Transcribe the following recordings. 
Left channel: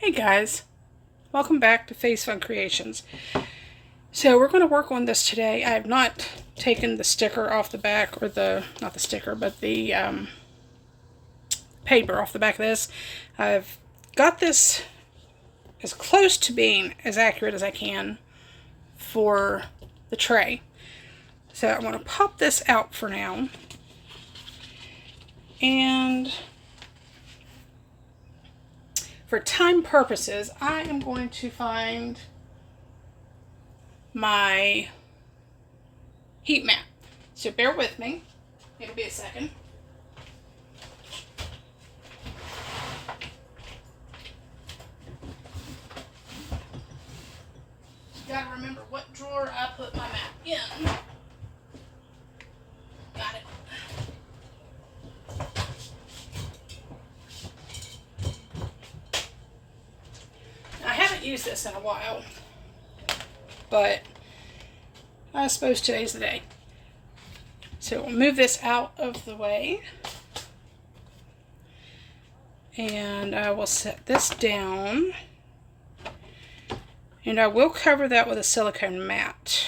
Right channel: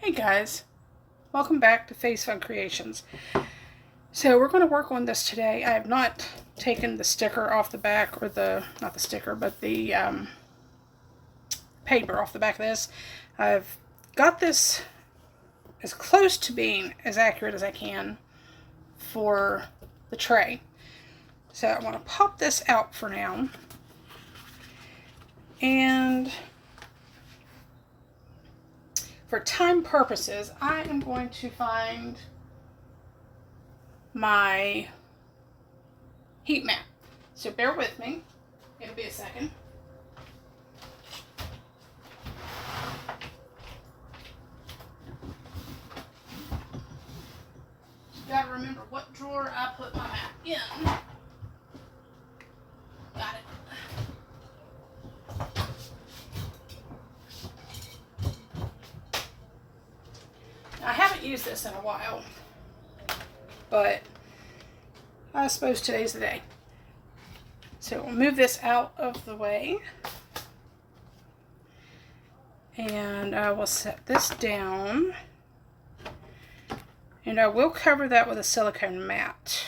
Hey guys, welcome back to Face Fun Creations. So we're going to work on this today. I have not taken the sticker off the back, or not the sticker, but the paper off the back of this. I've got this as close to being as accurate as I can for the tray. So I'm going to pop this out for now. And for time purposes, I am going to find my heat mat. So bear with me. It'll be a second. Gotta remember what drawer I put my mat in. Got it. I haven't used this in a while, but I suppose today's the day. So we'll move this out of the way, and I will set this down, and I will cover that with a silicone mat.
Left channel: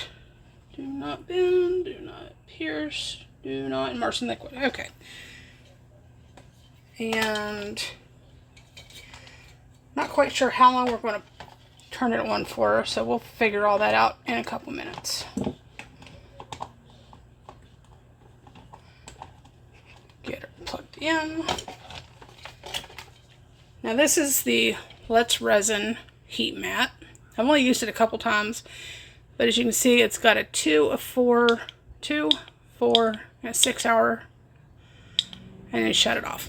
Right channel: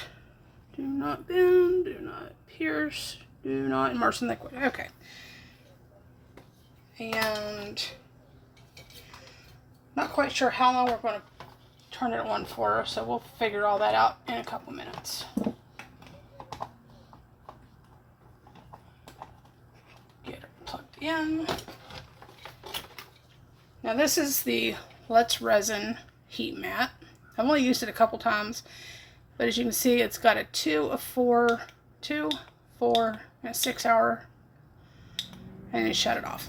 Do not bend, do not pierce, do not immerse in liquid. Okay. And not quite sure how long we're going to turn it on for, so we'll figure all that out in a couple minutes. Get it plugged in. Now this is the Let's Resin heat mat. I've only used it a couple times, but as you can see, it's got a 2, a 4, 2, 4, and a 6 hour, and then shut it off.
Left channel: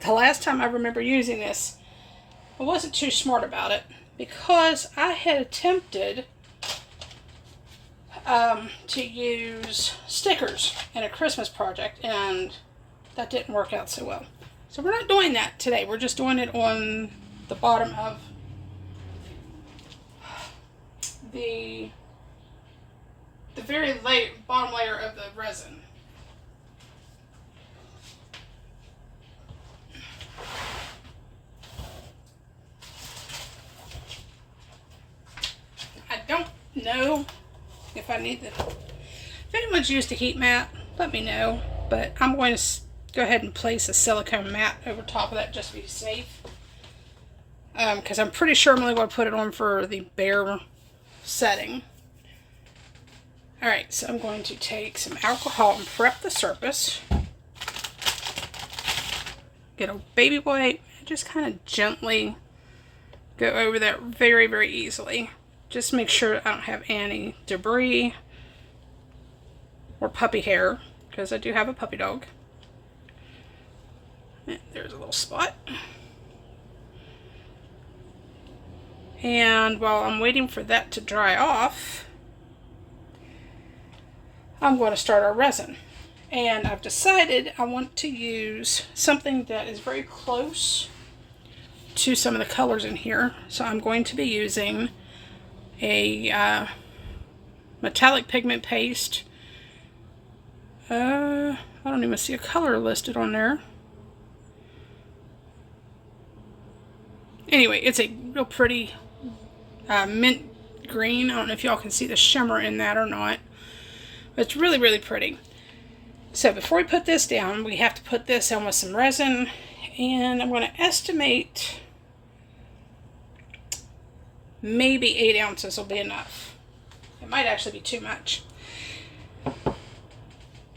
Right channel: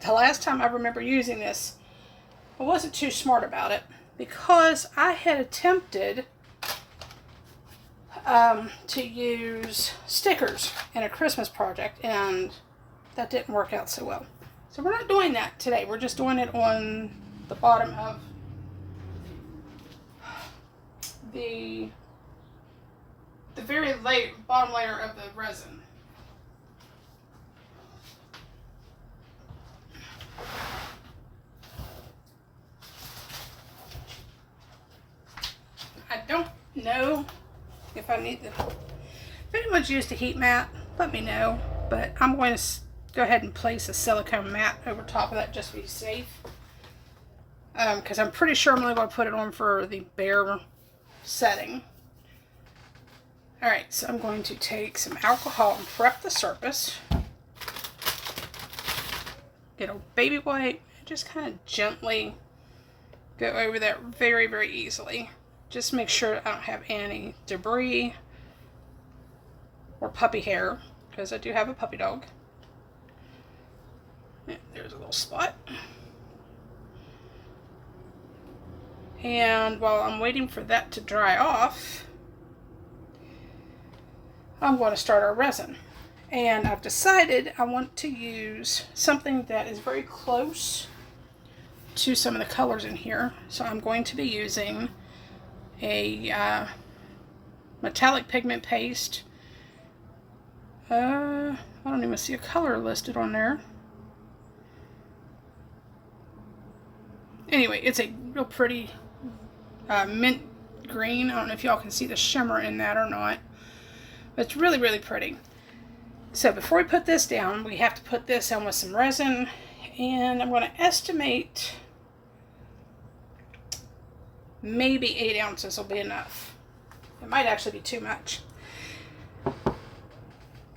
The last time I remember using this, I wasn't too smart about it because I had attempted to use stickers in a Christmas project, and that didn't work out so well. So we're not doing that today. We're just doing it on the bottom of the very bottom layer of the resin. I don't know if I need to. If anyone's used a heat mat, let me know. But I'm going to go ahead and place a silicone mat over top of that just to be safe. Because I'm pretty sure I'm only going to put it on for the bare setting. Alright, so I'm going to take some alcohol and prep the surface. Get a baby wipe and just kind of gently go over that very, very easily. Just make sure I don't have any debris or puppy hair, because I do have a puppy dog. And there's a little spot. And while I'm waiting for that to dry off, I'm going to start our resin. And I've decided I want to use something that is very close to some of the colors in here. So I'm going to be using a metallic pigment paste. I don't even see a color listed on there. Anyway, it's a real pretty mint green. I don't know if y'all can see the shimmer in that or not. But it's really, really pretty. So before we put this down, we have to put this on with some resin. And I'm going to estimate maybe 8 ounces will be enough. It might actually be too much. And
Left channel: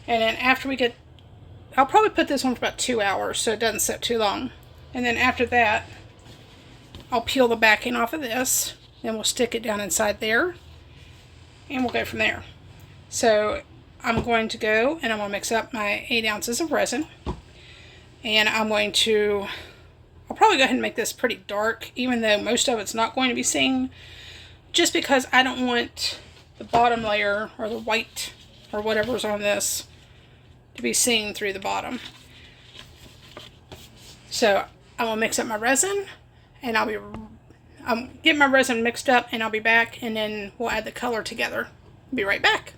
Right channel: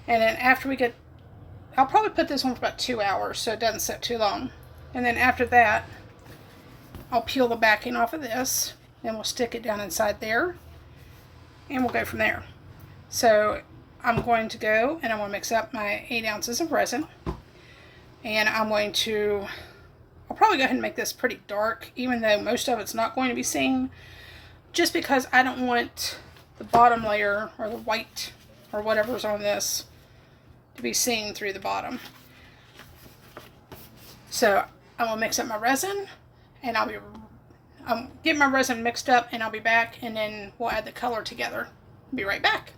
then after we get, I'll probably put this on for about 2 hours so it doesn't sit too long. And then after that, I'll peel the backing off of this. Then we'll stick it down inside there. And we'll go from there. So I'm going to go and I'm going to mix up my 8 ounces of resin. And I'm going to, I'll probably go ahead and make this pretty dark, even though most of it's not going to be seen, just because I don't want the bottom layer or the white or whatever's on this to be seen through the bottom. So I'm going to mix up my resin, and I'll get my resin mixed up, and I'll be back, and then we'll add the color together. Be right back.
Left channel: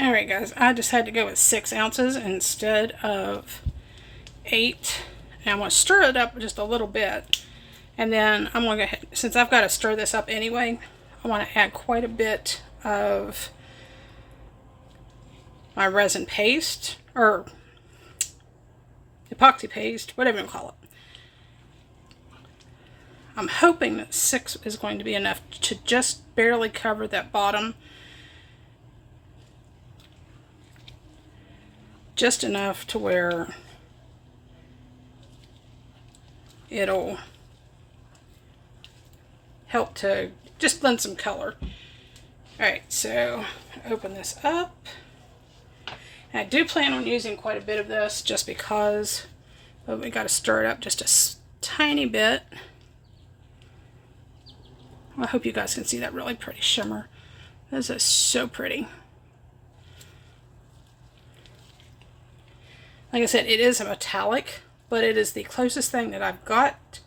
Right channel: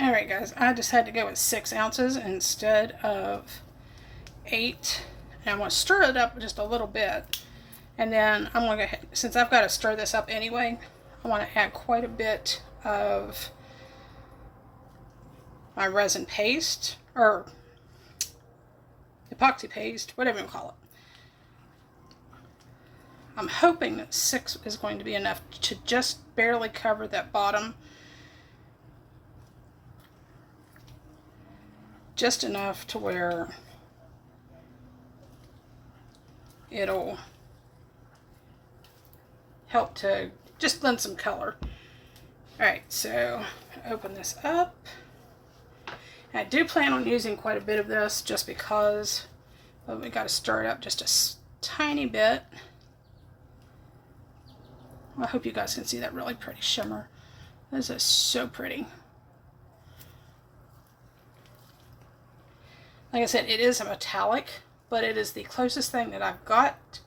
Alright guys, I decided to go with 6 ounces instead of 8. And I'm going to stir it up just a little bit. And then I'm going to go ahead, since I've got to stir this up anyway, I want to add quite a bit of my resin paste, or epoxy paste, whatever you call it. I'm hoping that 6 is going to be enough to just barely cover that bottom. Just enough to where it'll help to just blend some color. Alright, so open this up. And I do plan on using quite a bit of this just because, but we got to stir it up just a tiny bit. I hope you guys can see that really pretty shimmer. This is so pretty. Like I said, it is a metallic, but it is the closest thing that I've got.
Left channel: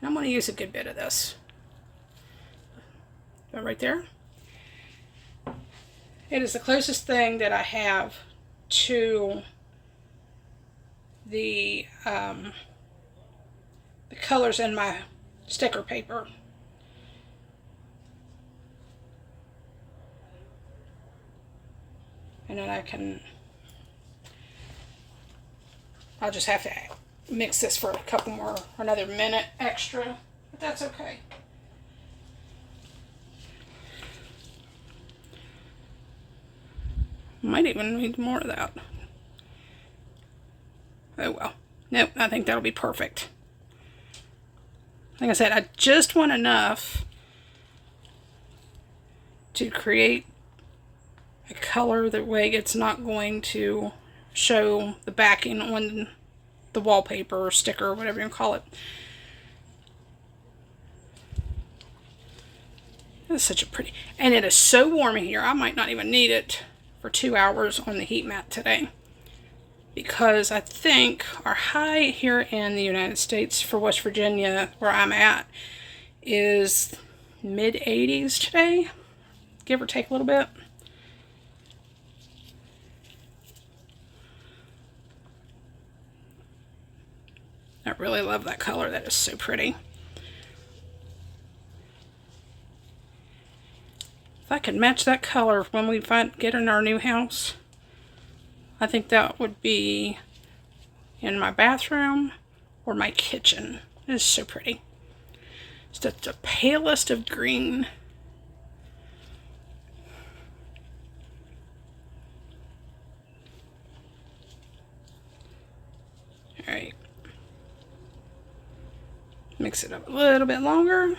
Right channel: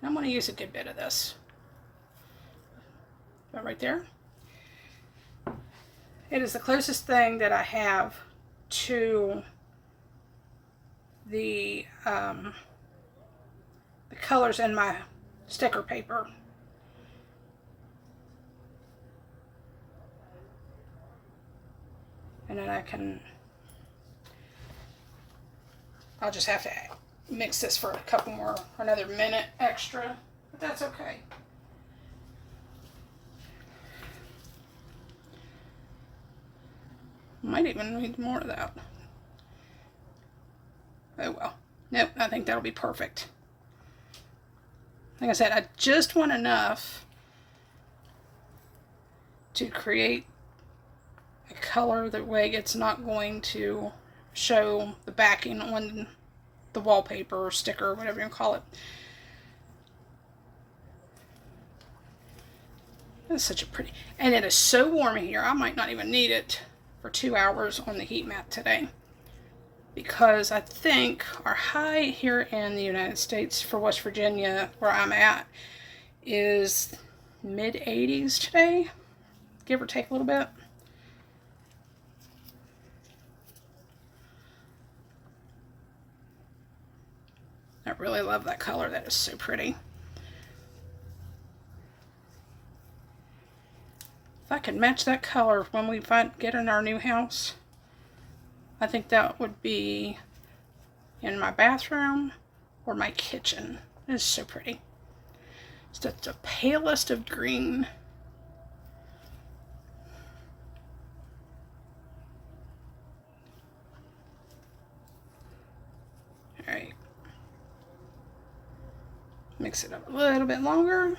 And I'm going to use a good bit of this. Right there. It is the closest thing that I have to the colors in my sticker paper. And then I'll just have to mix this for a couple more, another minute extra, but that's okay. Might even need more of that. Oh well. Nope, I think that'll be perfect. Like I said, I just want enough to create a color that way it's not going to show the backing on the wallpaper or sticker or whatever you call it. That's such a pretty, and it is so warm in here I might not even need it for 2 hours on the heat mat today, because I think our high here in the United States for West Virginia where I'm at is mid 80s today, give or take a little bit. I really love that color. That is so pretty. If I could match that color when we get in our new house, I think that would be in my bathroom or my kitchen. It is so pretty. It's the palest of green. All right. Mix it up a little bit longer.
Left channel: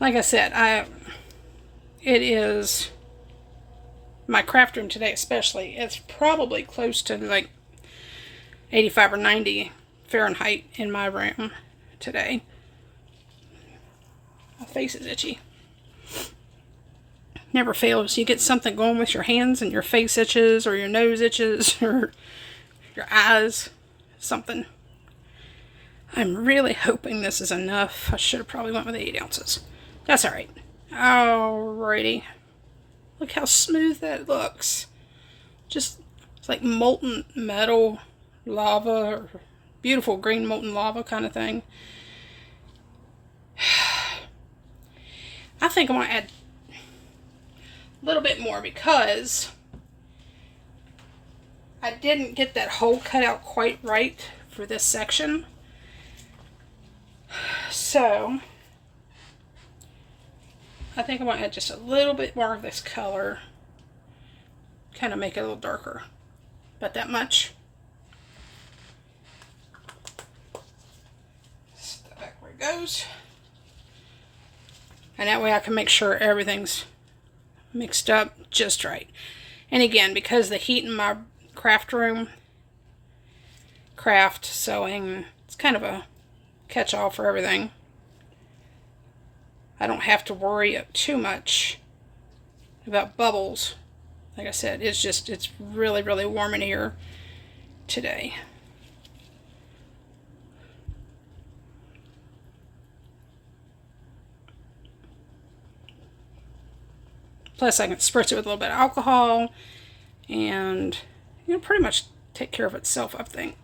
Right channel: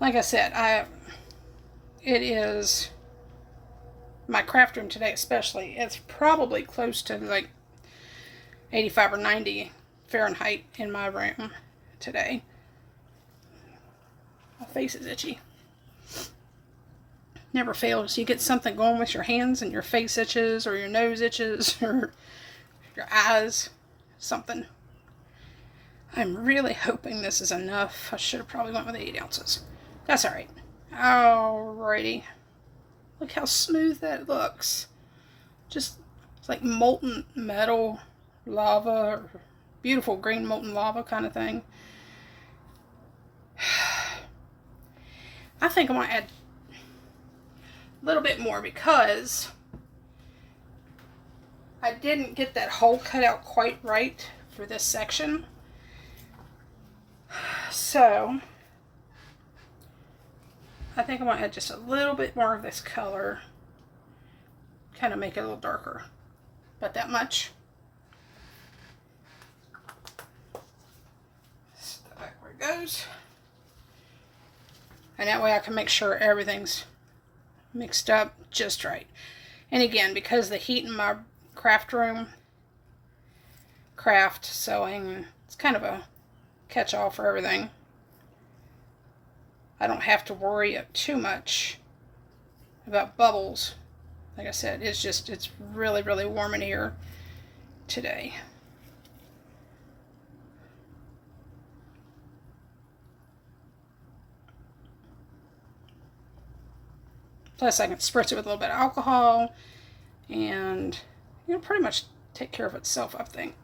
Like I said, it is my craft room today, especially. It's probably close to like 85 or 90 Fahrenheit in my room today. My face is itchy. Never fails. You get something going with your hands and your face itches, or your nose itches, or your eyes, something. I'm really hoping this is enough. I should have probably went with 8 ounces. That's alright. Alrighty. Look how smooth that looks. Just, it's like molten metal, lava, or beautiful green molten lava kind of thing. I think I'm going to add a little bit more because I didn't get that hole cut out quite right for this section. So I think I'm going to add just a little bit more of this color, kind of make it a little darker, but that much. Step back where it goes, and that way I can make sure everything's mixed up just right. And again, because the heat in my craft room, craft sewing, it's kind of a catch-all for everything. I don't have to worry too much about bubbles. Like I said, it's really, really warm in here today. Plus I can spritz it with a little bit of alcohol and pretty much take care of itself, I think.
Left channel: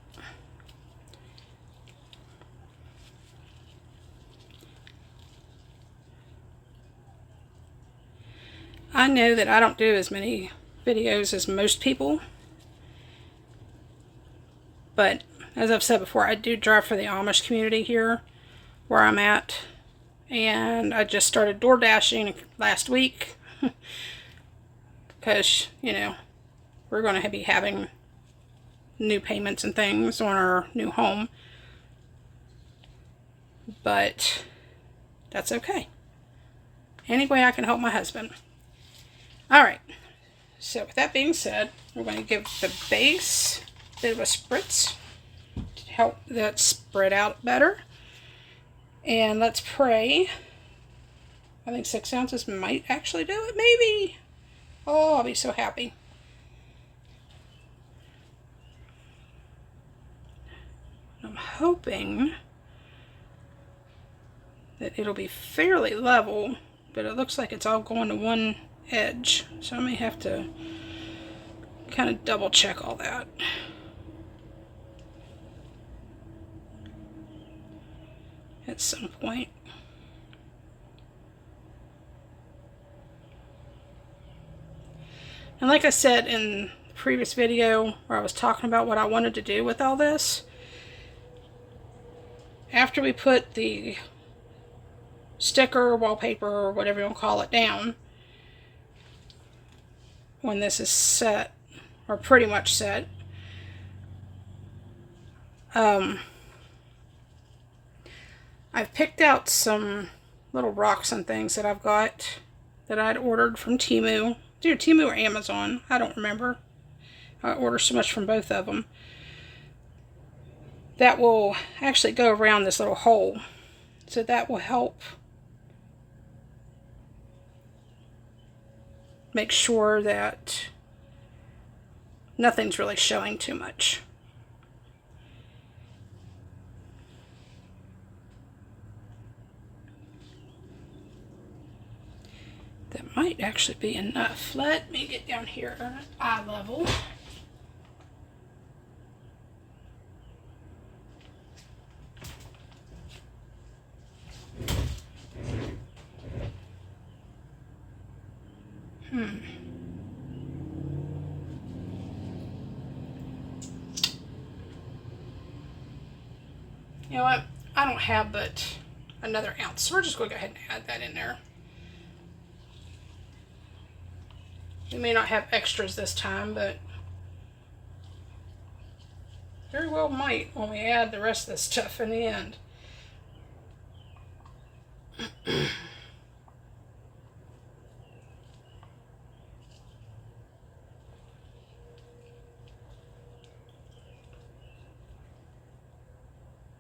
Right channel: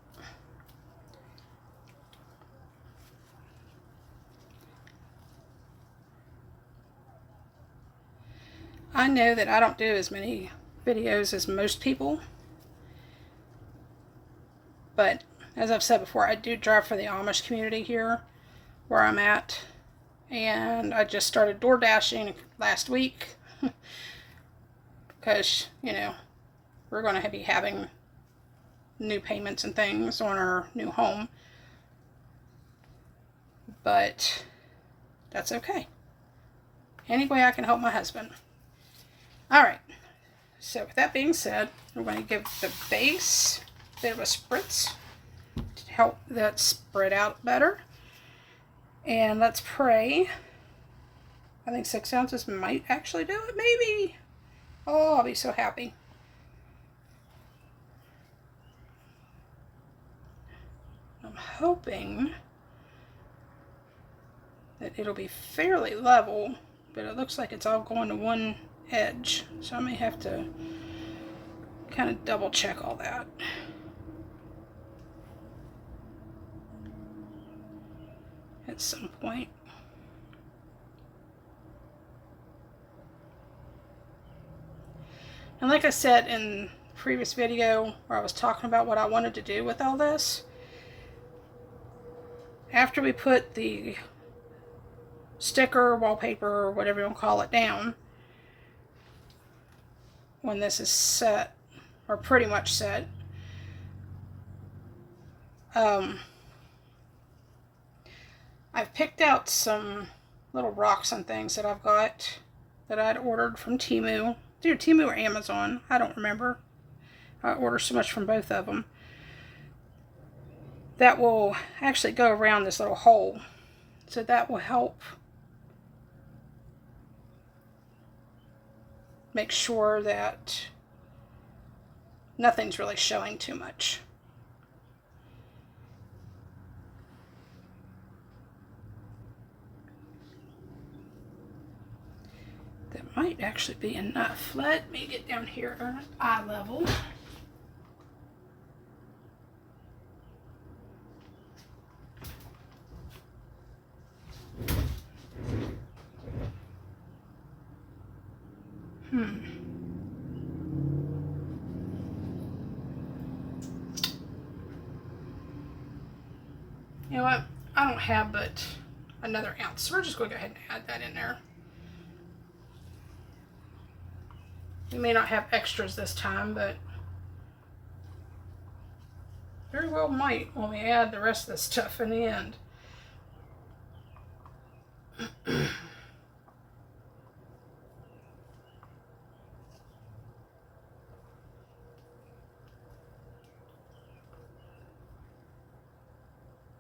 I know that I don't do as many videos as most people, but as I've said before, I do drive for the Amish community here where I'm at, and I just started door dashing last week because, you know, we're going to be having new payments and things on our new home, but that's okay. Any way I can help my husband. Alright, so with that being said, we're going to give the base a bit of a spritz to help that spread out better. And let's pray. I think 6 ounces might actually do it, maybe. Oh, I'll be so happy. I'm hoping that it'll be fairly level, but it looks like it's all going to one edge, so I may have to kind of double check all that. At some point. And like I said in the previous video where I was talking about what I wanted to do with all this, after we put the sticker, wallpaper, whatever you want to call it, down, when this is set, or pretty much set, I've picked out some little rocks and things that I've got that I'd ordered from Temu. Either Temu or Amazon, I don't remember. I order so much from both of them. That will actually go around this little hole. So that will help make sure that nothing's really showing too much. That might actually be enough. Let me get down here at eye level. You know what? I don't have but another ounce, so we're just going to go ahead and add that in there. We may not have extras this time, but very well might when we add the rest of the stuff in the end.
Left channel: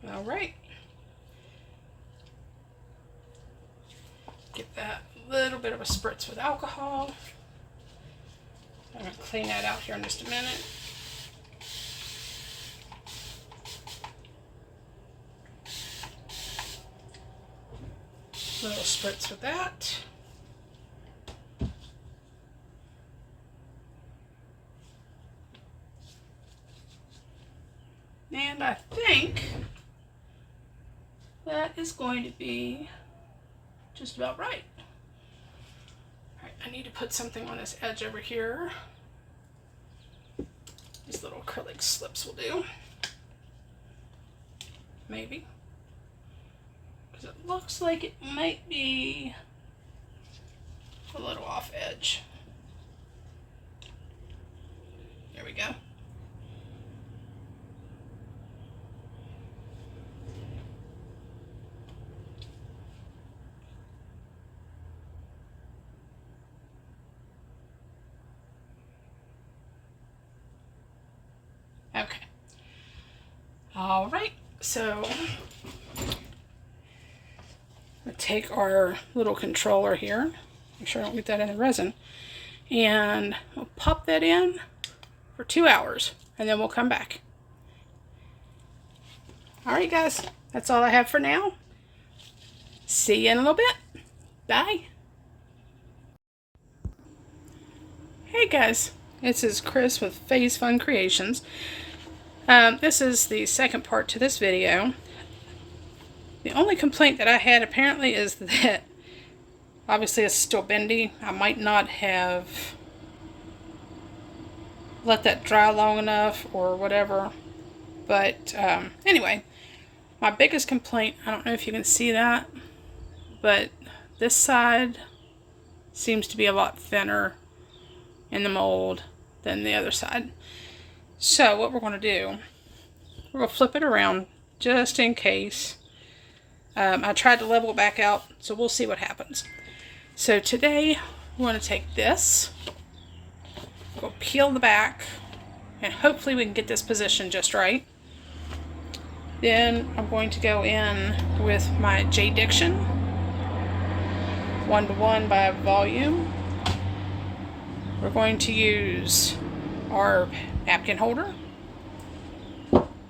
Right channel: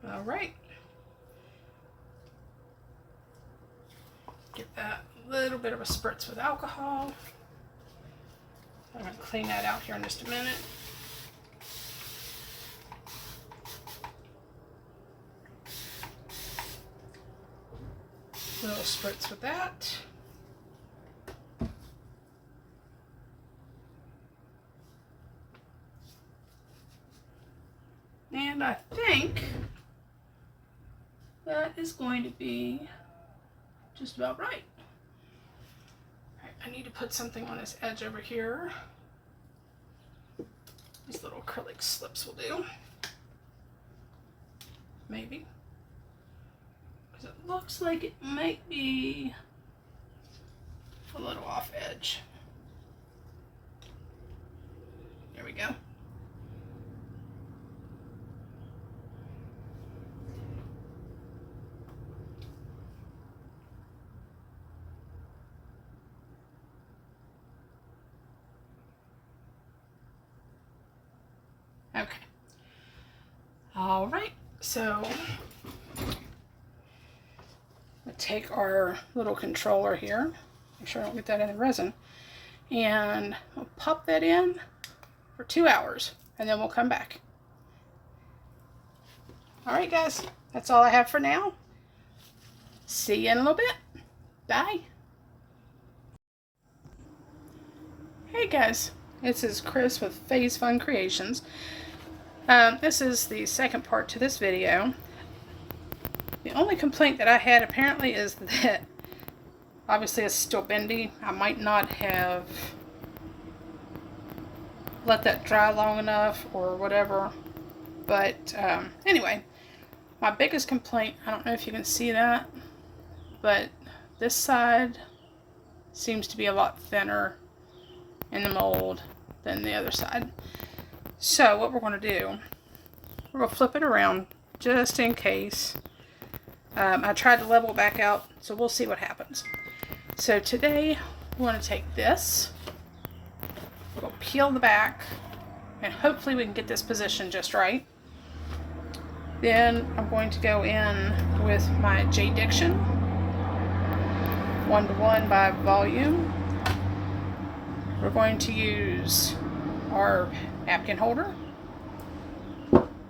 All right. Get that little bit of a spritz with alcohol. I'm going to clean that out here in just a minute. A little spritz with that. And I think that is going to be just about right. Alright, I need to put something on this edge over here. These little acrylic slips will do. Maybe. Because it looks like it might be a little off edge. There we go. Okay. All right. So we'll take our little controller here. Make sure I don't get that in the resin. And we'll pop that in for 2 hours. And then we'll come back. All right, guys. That's all I have for now. See you in a little bit. Bye. Hey, guys. This is Chris with Phase Fun Creations. This is the second part to this video. The only complaint that I had apparently is that Obviously it's still bendy. I might not have let that dry long enough or whatever. But anyway, my biggest complaint, I don't know if you can see that, but this side seems to be a lot thinner in the mold than the other side. So what we're going to do, we're going to flip it around just in case. I tried to level it back out, so we'll see what happens. So today we're going to take this, we'll peel the back, and hopefully we can get this position just right. Then I'm going to go in with my J Diction 1:1 by volume. We're going to use our napkin holder.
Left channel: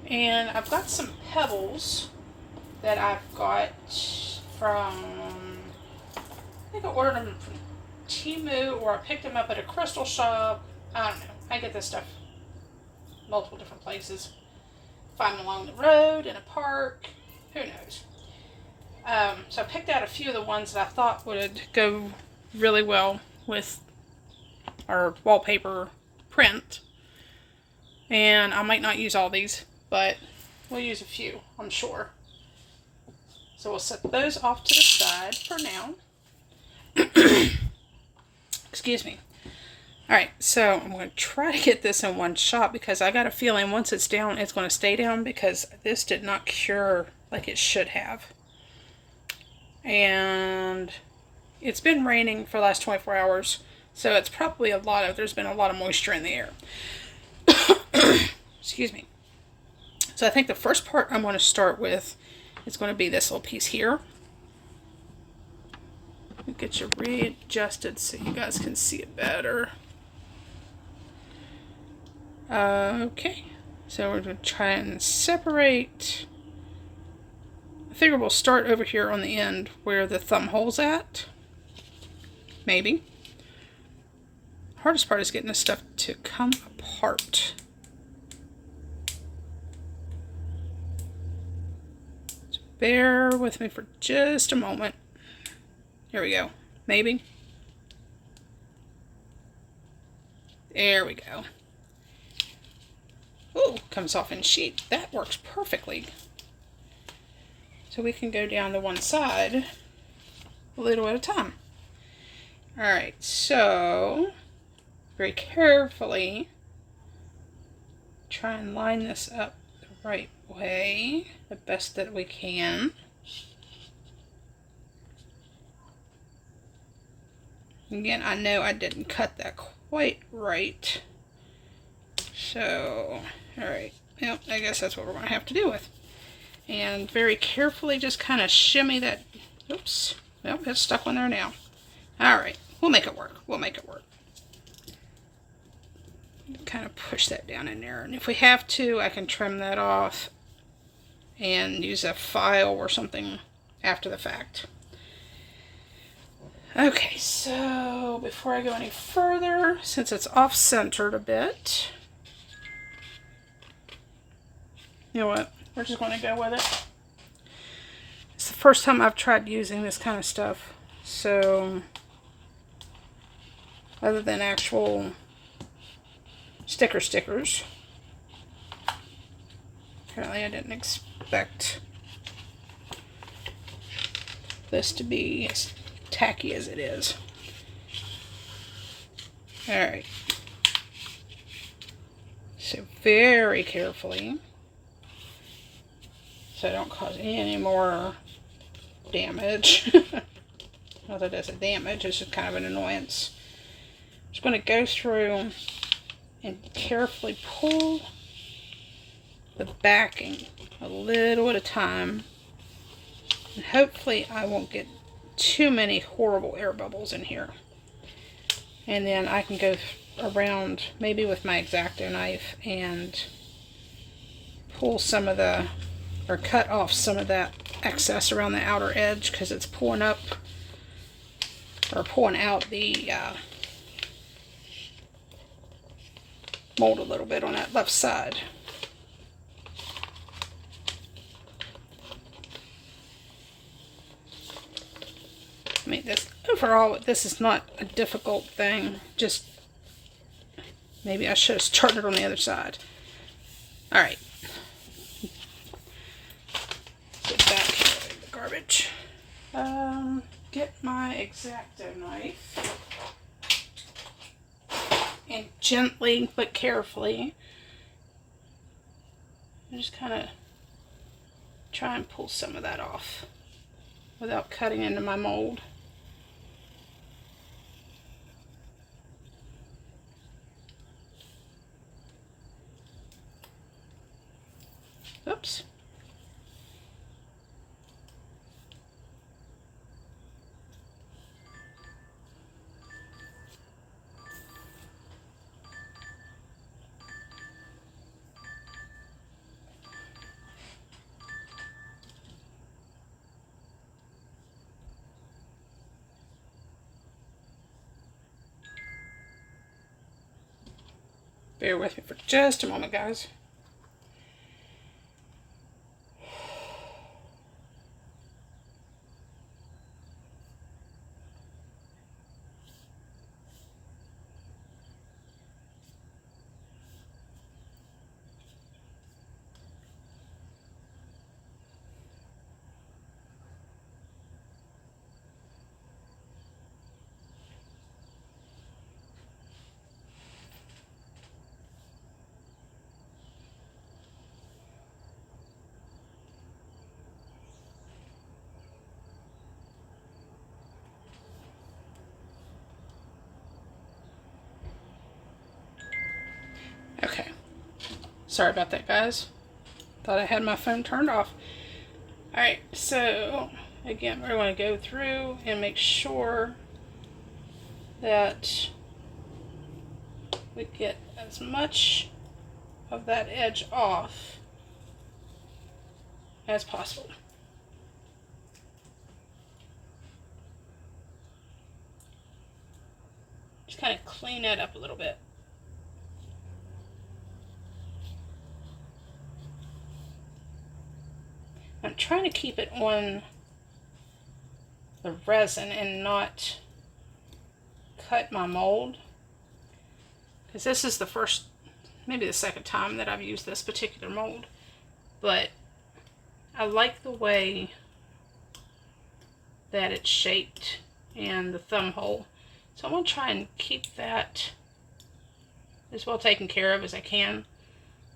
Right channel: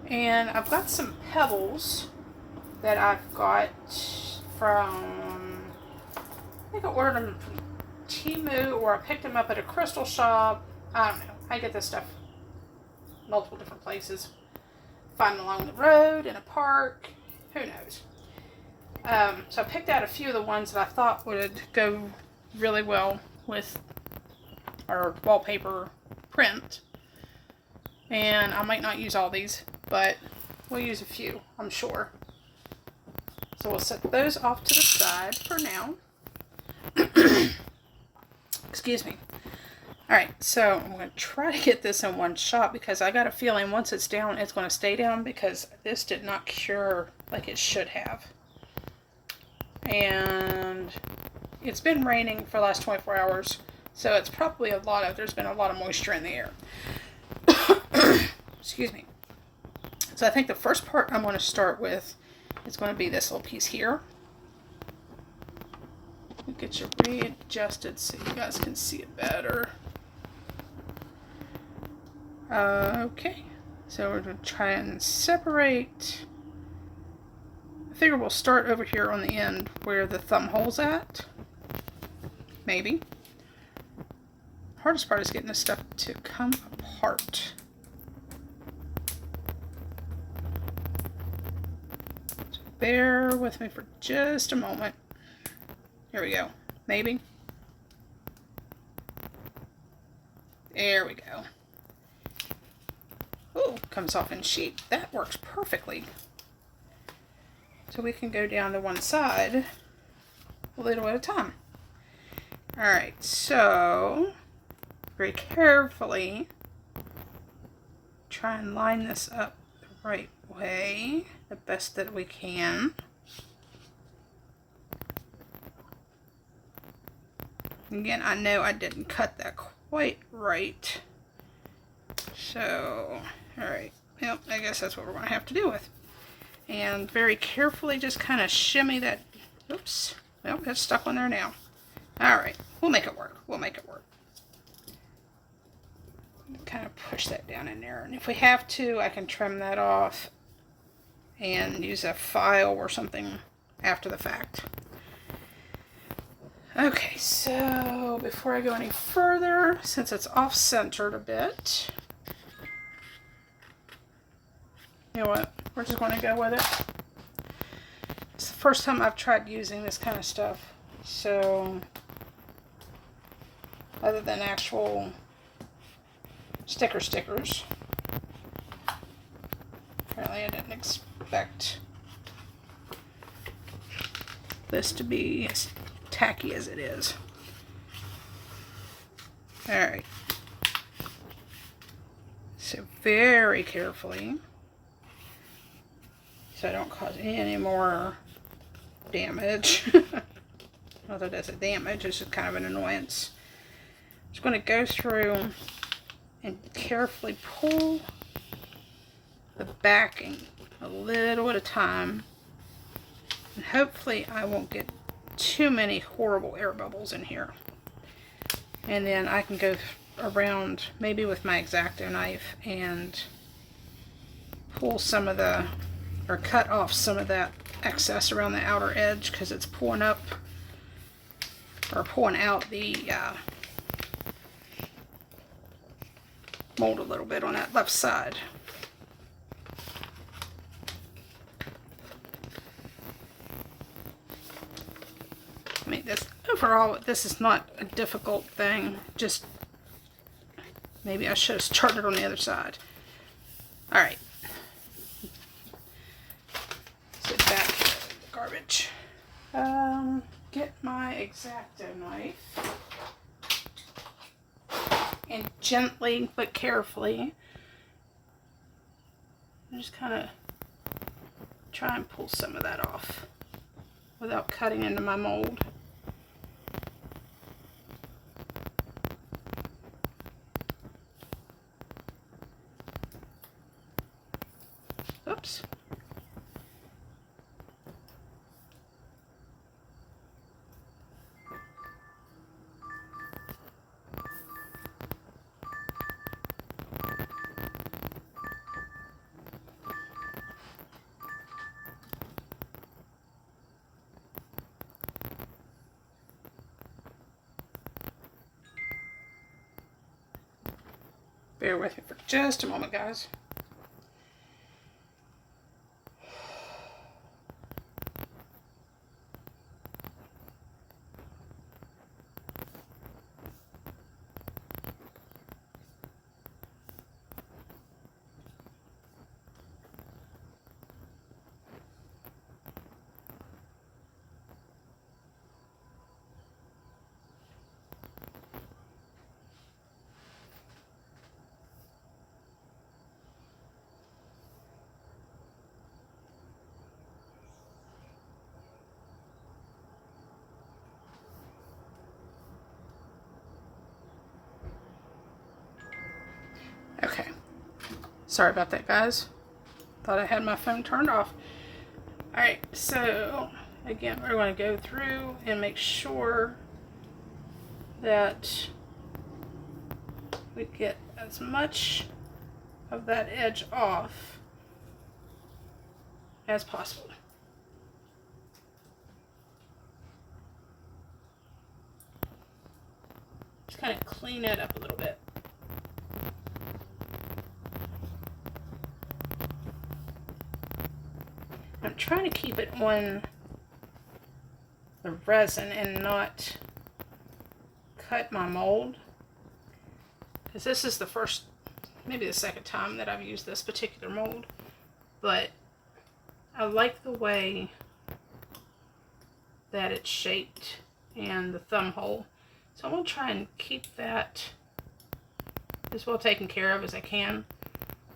And I've got some pebbles that I've got from, I think I ordered them from Temu, or I picked them up at a crystal shop. I don't know. I get this stuff multiple different places. Find them along the road, in a park, who knows. So I picked out a few of the ones that I thought would go really well with our wallpaper print. And I might not use all these, but we'll use a few, I'm sure. So we'll set those off to the side for now. Excuse me. Alright, so I'm going to try to get this in one shot because I got a feeling once it's down, it's going to stay down because this did not cure like it should have. And it's been raining for the last 24 hours, so it's probably there's been a lot of moisture in the air. Excuse me. So I think the first part I'm going to start with is going to be this little piece here. Get you readjusted so you guys can see it better. Okay, so we're going to try and separate. I figure we'll start over here on the end where the thumb hole's at. Maybe. Hardest part is getting this stuff to come apart. So bear with me for just a moment. Here we go. Maybe. There we go. Oh, comes off in sheet. That works perfectly. So we can go down to one side a little at a time. Alright, so very carefully try and line this up the right way, the best that we can. Again, I know I didn't cut that quite right. So, alright. Well, I guess that's what we're going to have to deal with. And very carefully just kind of shimmy that. Oops. Well, it's stuck on there now. Alright. We'll make it work. We'll make it work. Kind of push that down in there. And if we have to, I can trim that off and use a file or something after the fact. Okay, so before I go any further, since it's off-centered a bit, you know what, we're just going to go with it. It's the first time I've tried using this kind of stuff, so other than actual stickers, apparently I didn't expect this to be as tacky as it is. Alright, so very carefully, so I don't cause any more damage. Not that that's a damage, it's just kind of an annoyance. I'm just going to go through and carefully pull the backing a little at a time, and hopefully I won't get too many horrible air bubbles in here. And then I can go around maybe with my X-Acto knife and pull some of the, or cut off some of that excess around the outer edge, because it's pulling up or pulling out the mold a little bit on that left side. Make this overall, this is not a difficult thing. Just maybe I should have started on the other side. All right. Get back to the garbage. Get my X-Acto knife and gently but carefully just kind of try and pull some of that off without cutting into my mold. Oops. Bear with me for just a moment, guys. Okay. Sorry about that, guys. Thought I had my phone turned off. Alright, so again, we're going to go through and make sure that we get as much of that edge off as possible. Just kind of clean it up a little bit. I'm trying to keep it on the resin and not cut my mold, because this is the first, maybe the second time that I've used this particular mold, but I like the way that it's shaped and the thumb hole, so I want to try and keep that as well taken care of as I can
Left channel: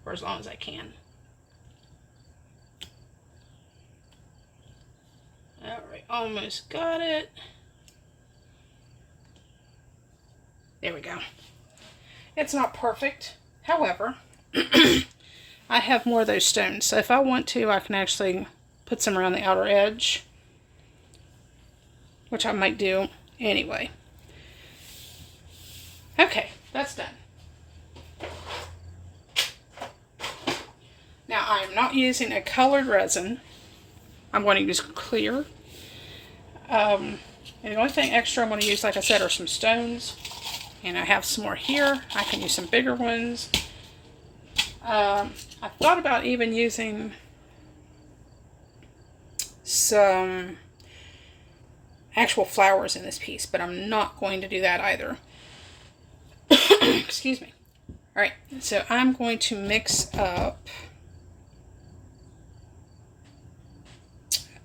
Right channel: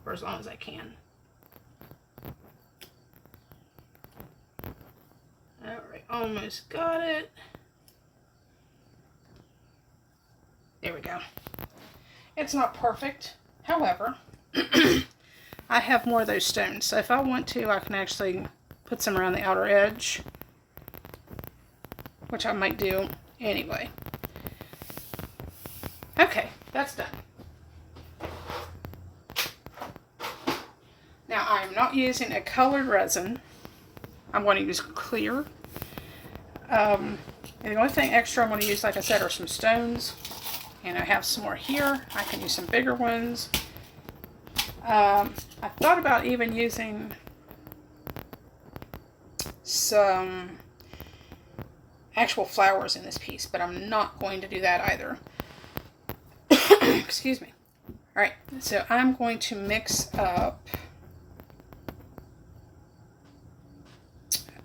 for as long as I can. Alright, almost got it. There we go. It's not perfect. However, I have more of those stones. So if I want to, I can actually put some around the outer edge, which I might do anyway. Okay, that's done. Now I am not using a colored resin. I'm going to use clear. And the only thing extra I'm going to use, like I said, are some stones. And I have some more here. I can use some bigger ones. I thought about even using some actual flowers in this piece, but I'm not going to do that either. Excuse me. Alright, so I'm going to mix up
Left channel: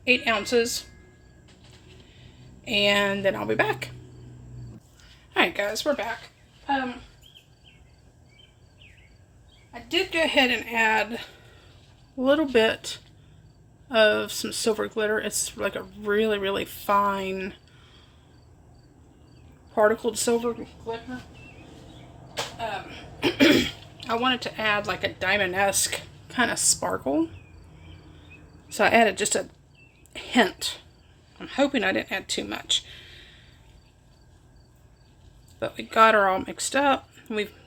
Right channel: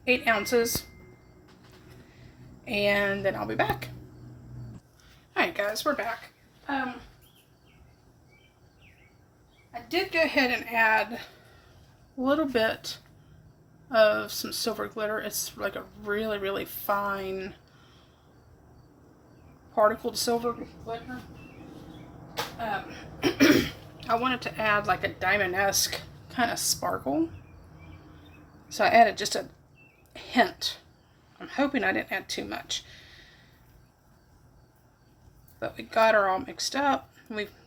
8 ounces, and then I'll be back. Alright guys, we're back. I did go ahead and add a little bit of some silver glitter. It's like a really, really fine particled silver glitter. I wanted to add like a diamond-esque kind of sparkle, so I added just a hint. I'm hoping I didn't add too much, but we got her all mixed up.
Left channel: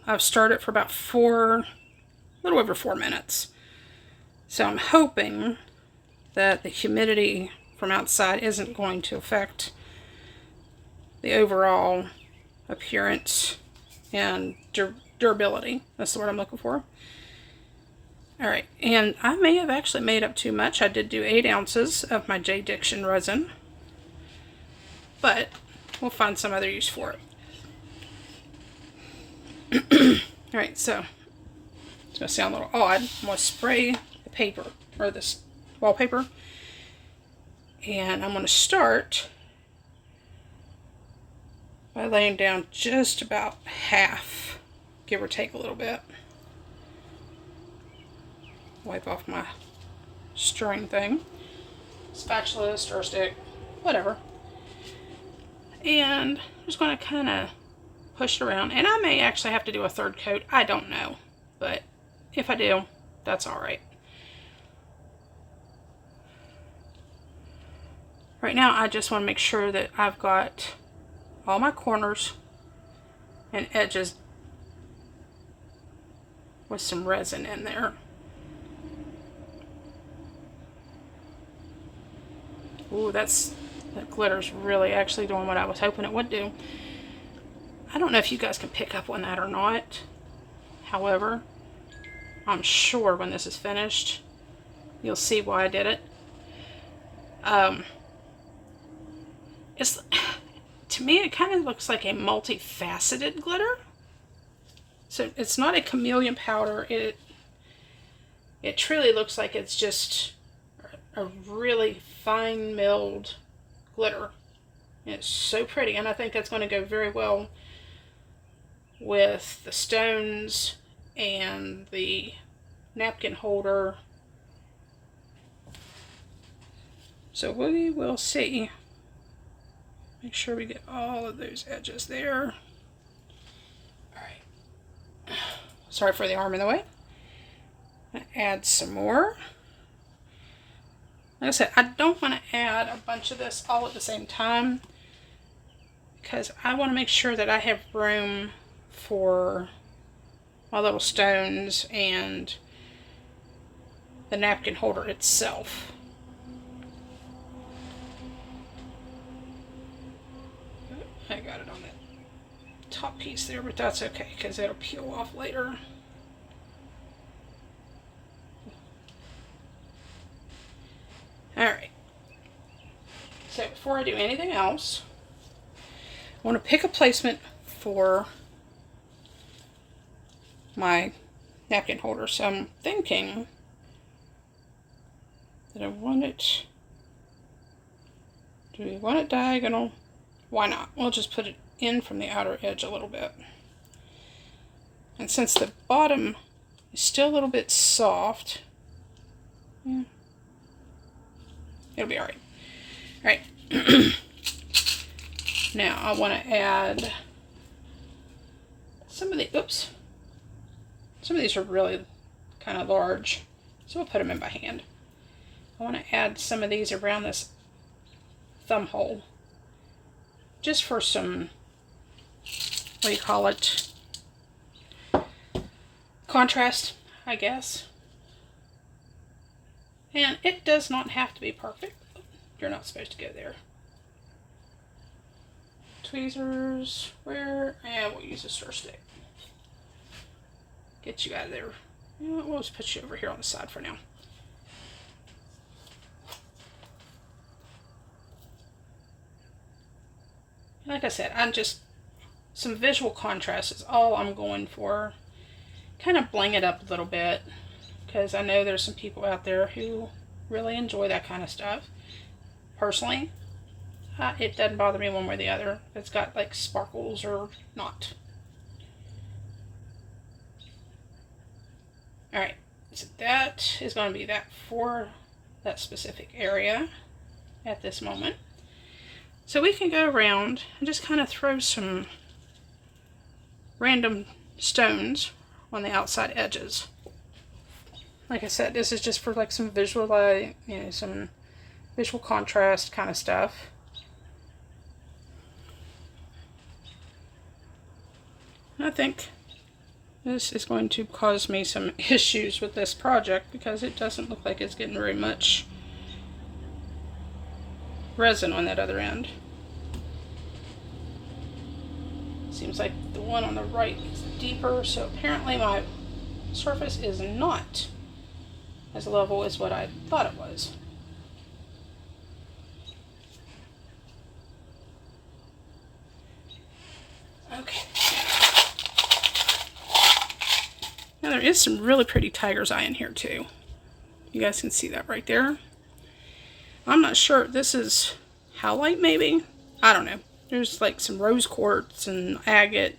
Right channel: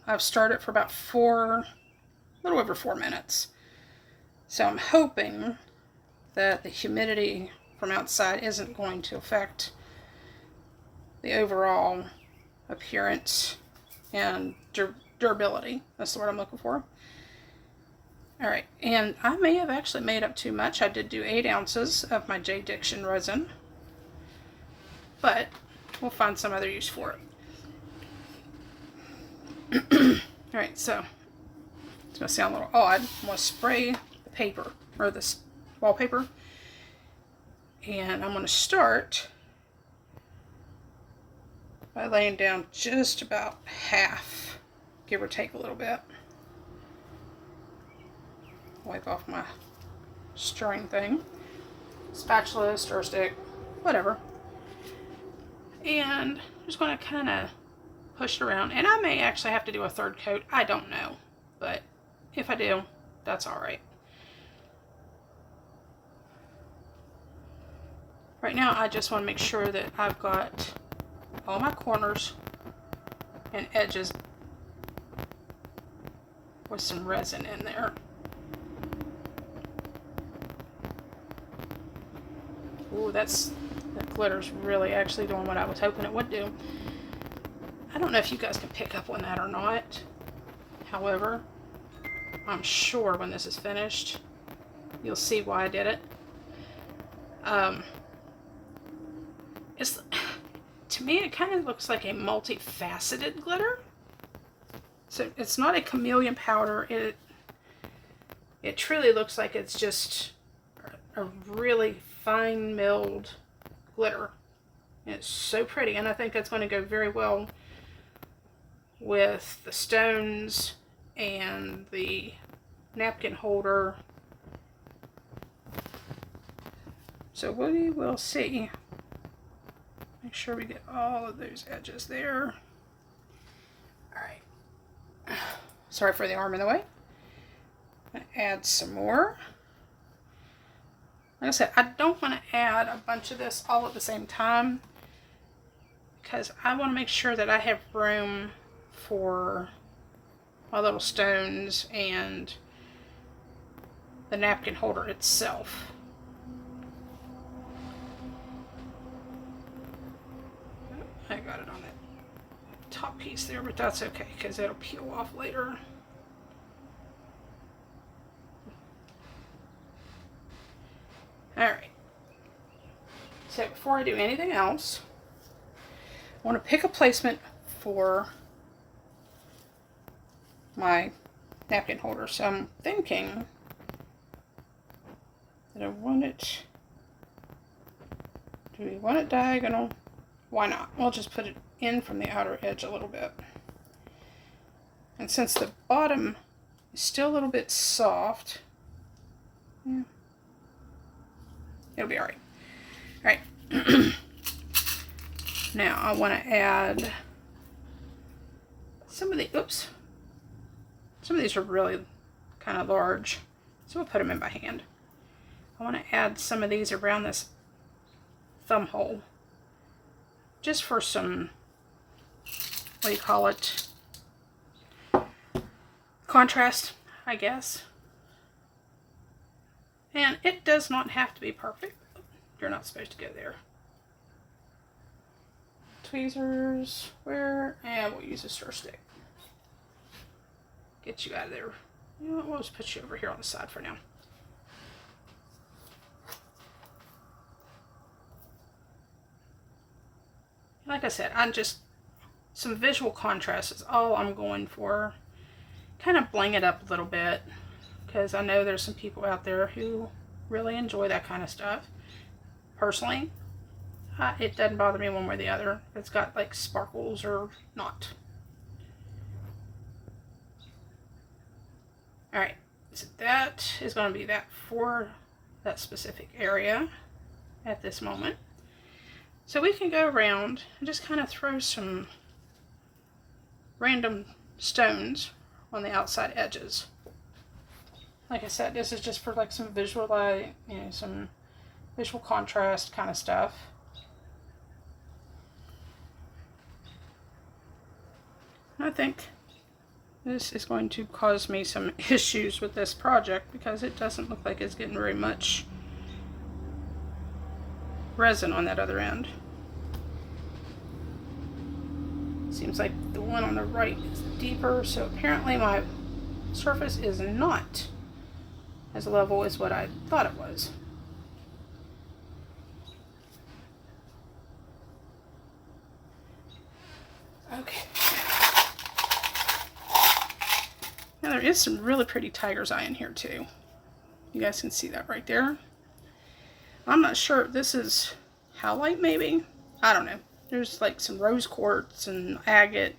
I've started for about a little over 4 minutes, so I'm hoping that the humidity from outside isn't going to affect the overall appearance and durability. That's the word I'm looking for. Alright, and I may have actually made up too much. I did do 8 ounces of my J. Diction resin, but we'll find some other use for it. Alright, so it's going to sound a little odd. I'm going to spray the paper, or this wallpaper. And I'm going to start by laying down just about half, give or take a little bit. Wipe off my stirring thing. Spatula, stir stick, whatever. And I'm just going to kind of push it around. And I may actually have to do a third coat. I don't know. But if I do, that's alright. Right now, I just want to make sure that I've got all my corners and edges with some resin in there. Ooh, that glitter's really actually doing what I was hoping it would do. I don't know if you guys can pick up on that or not. However, I'm sure when this is finished, you'll see why I did it. To me, it kind of looks like a multifaceted glitter. So it's not a chameleon powder. It truly looks like it's just a really fine milled glitter. And it's so pretty, and I think that's going to go very well with the stones and the napkin holder. So we will see. Make sure we get all of those edges there. Alright. Sorry for the arm in the way. I'm going to add some more. Like I said, I don't want to add a bunch of this all at the same time, because I want to make sure that I have room for my little stones and the napkin holder itself. I got it on that top piece there, but that's okay because it'll peel off later. Alright, so before I do anything else, I want to pick a placement for my napkin holder. So I'm thinking that I want it, do we want it diagonal? Why not? We'll just put it in from the outer edge a little bit. And since the bottom is still a little bit soft, it'll be alright. Alright. Now I want to add some of the, some of these are really kind of large, so we'll put them in by hand. I want to add some of these around this thumb hole, just for some, what do you call it, contrast, I guess. And it does not have to be perfect. You're not supposed to go there. Tweezers, where? And we'll use a stir stick. Get you out of there. You know what, we'll just put you over here on the side for now. Like I said, I'm just, some visual contrast is all I'm going for. Kind of bling it up a little bit, because I know there's some people out there who really enjoy that kind of stuff. Personally, it doesn't bother me one way or the other if it's got like sparkles or not. Alright, so that is going to be that for that specific area at this moment. So we can go around and just kind of throw some random stones on the outside edges. Like I said, this is just for like some visual, some visual contrast kind of stuff. I think this is going to cause me some issues with this project because it doesn't look like it's getting very much resin on that other end. Seems like the one on the right is deeper, so apparently my surface is not as level as what I thought it was. Okay. Now there is some really pretty tiger's eye in here too. You guys can see that right there. I'm not sure. This is howlite maybe? I don't know. There's like some rose quartz and agate.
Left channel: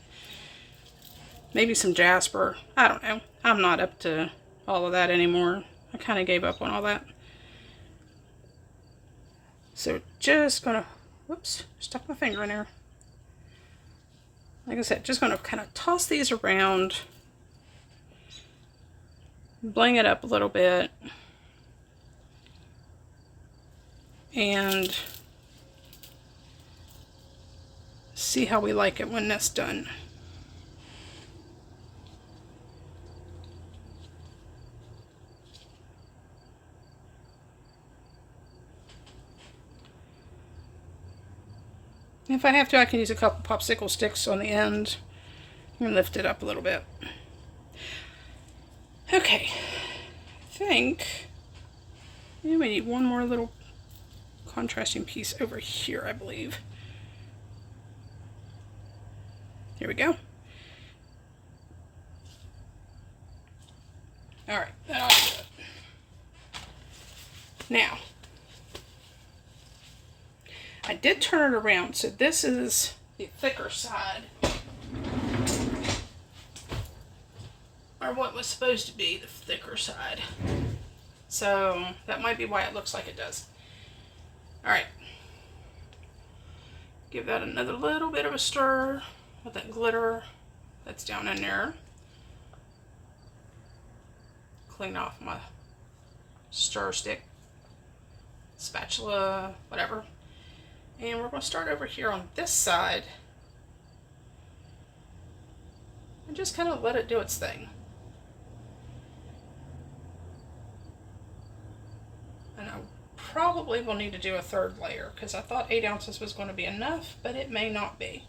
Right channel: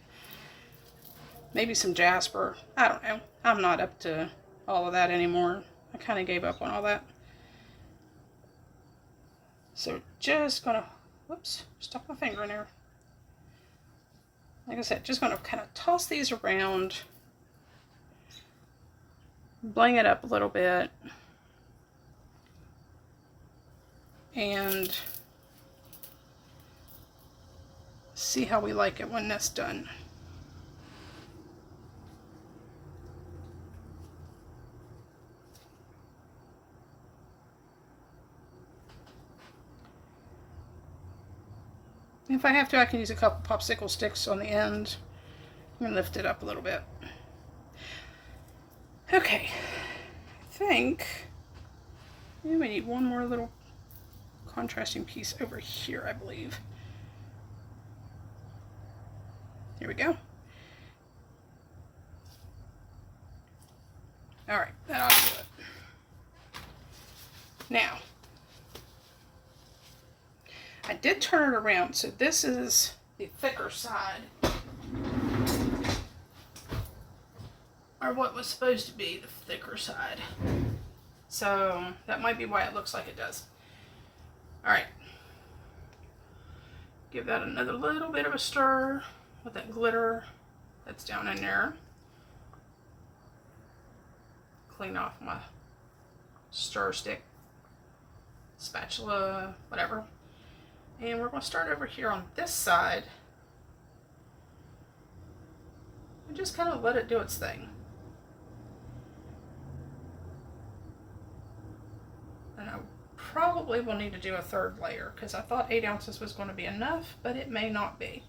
Maybe some jasper. I don't know. I'm not up to all of that anymore. I kind of gave up on all that. So just gonna, whoops, stuck my finger in there. Like I said, just gonna kind of toss these around. Bling it up a little bit. And see how we like it when that's done. If I have to, I can use a couple popsicle sticks on the end and lift it up a little bit. Okay, I think we need one more little contrasting piece over here, I believe. Here we go. All right, that ought to do it. Now, I did turn it around, so this is the thicker side, or what was supposed to be the thicker side. So that might be why it looks like it does. All right, give that another little bit of a stir with that glitter that's down in there. Clean off my stir stick, spatula, whatever. And we're going to start over here on this side and just kind of let it do its thing. And I probably will need to do a third layer because I thought 8 ounces was going to be enough, but it may not be.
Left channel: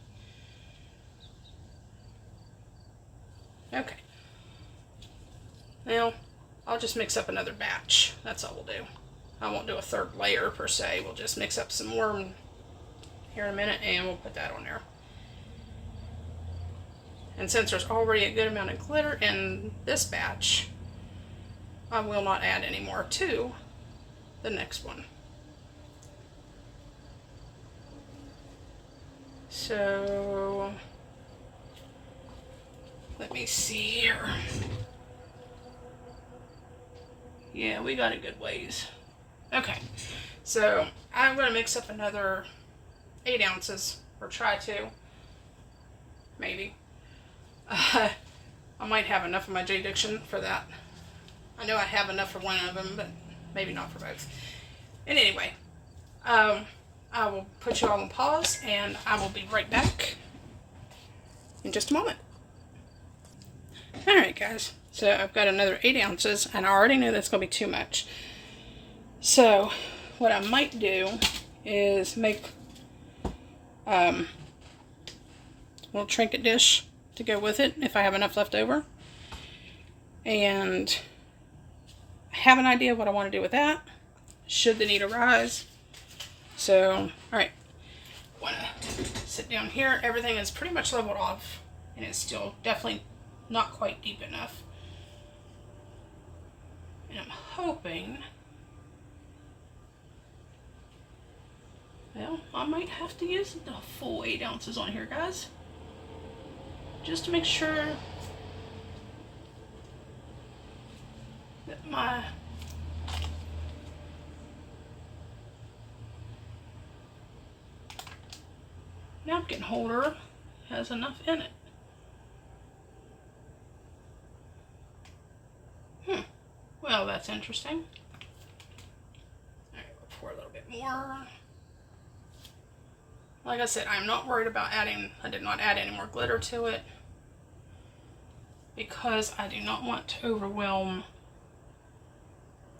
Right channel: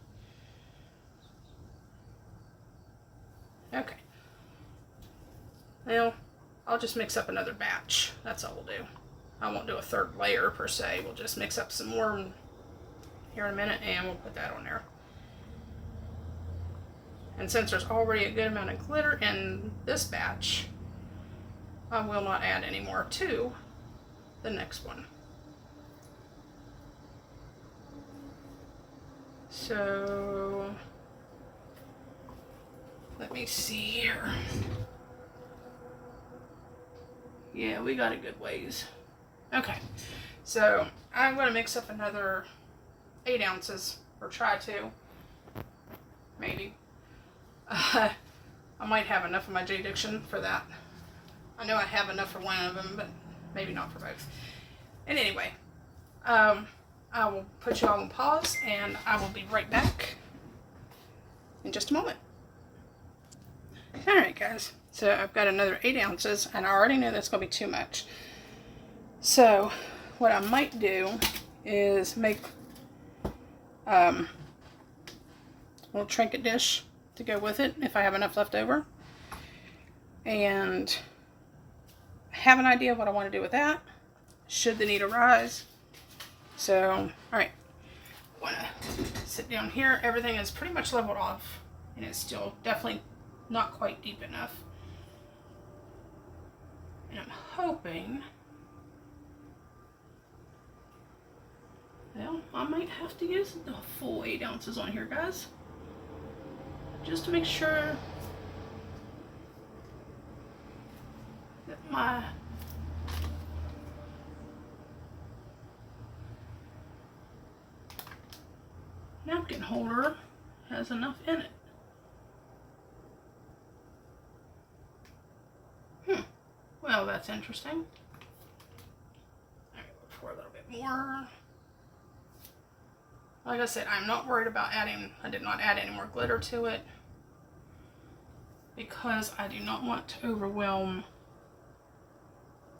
Okay. Now, I'll just mix up another batch. That's all we'll do. I won't do a third layer per se. We'll just mix up some more here in a minute and we'll put that on there. And since there's already a good amount of glitter in this batch, I will not add any more to the next one. So let me see here. Yeah, we got a good ways. Okay, so I'm going to mix up another 8 ounces, or try to, maybe. I might have enough of my J-Diction for that. I know I have enough for one of them, but maybe not for both. And anyway, I will put you all on pause, and I will be right back in just a moment. Alright guys, so I've got another 8 ounces, and I already knew that's going to be too much. So, what I might do is make a little trinket dish to go with it if I have enough left over. And I have an idea of what I want to do with that, should the need arise. So, alright, I want to sit down here. Everything is pretty much leveled off, and it's still definitely not quite deep enough. And I'm hoping, well, I might have to use the full 8 ounces on here, guys, just to make sure that my napkin holder has enough in it. Well, that's interesting. Alright, we'll pour a little bit more. Like I said, I'm not worried about adding, I did not add any more glitter to it because I do not want to overwhelm.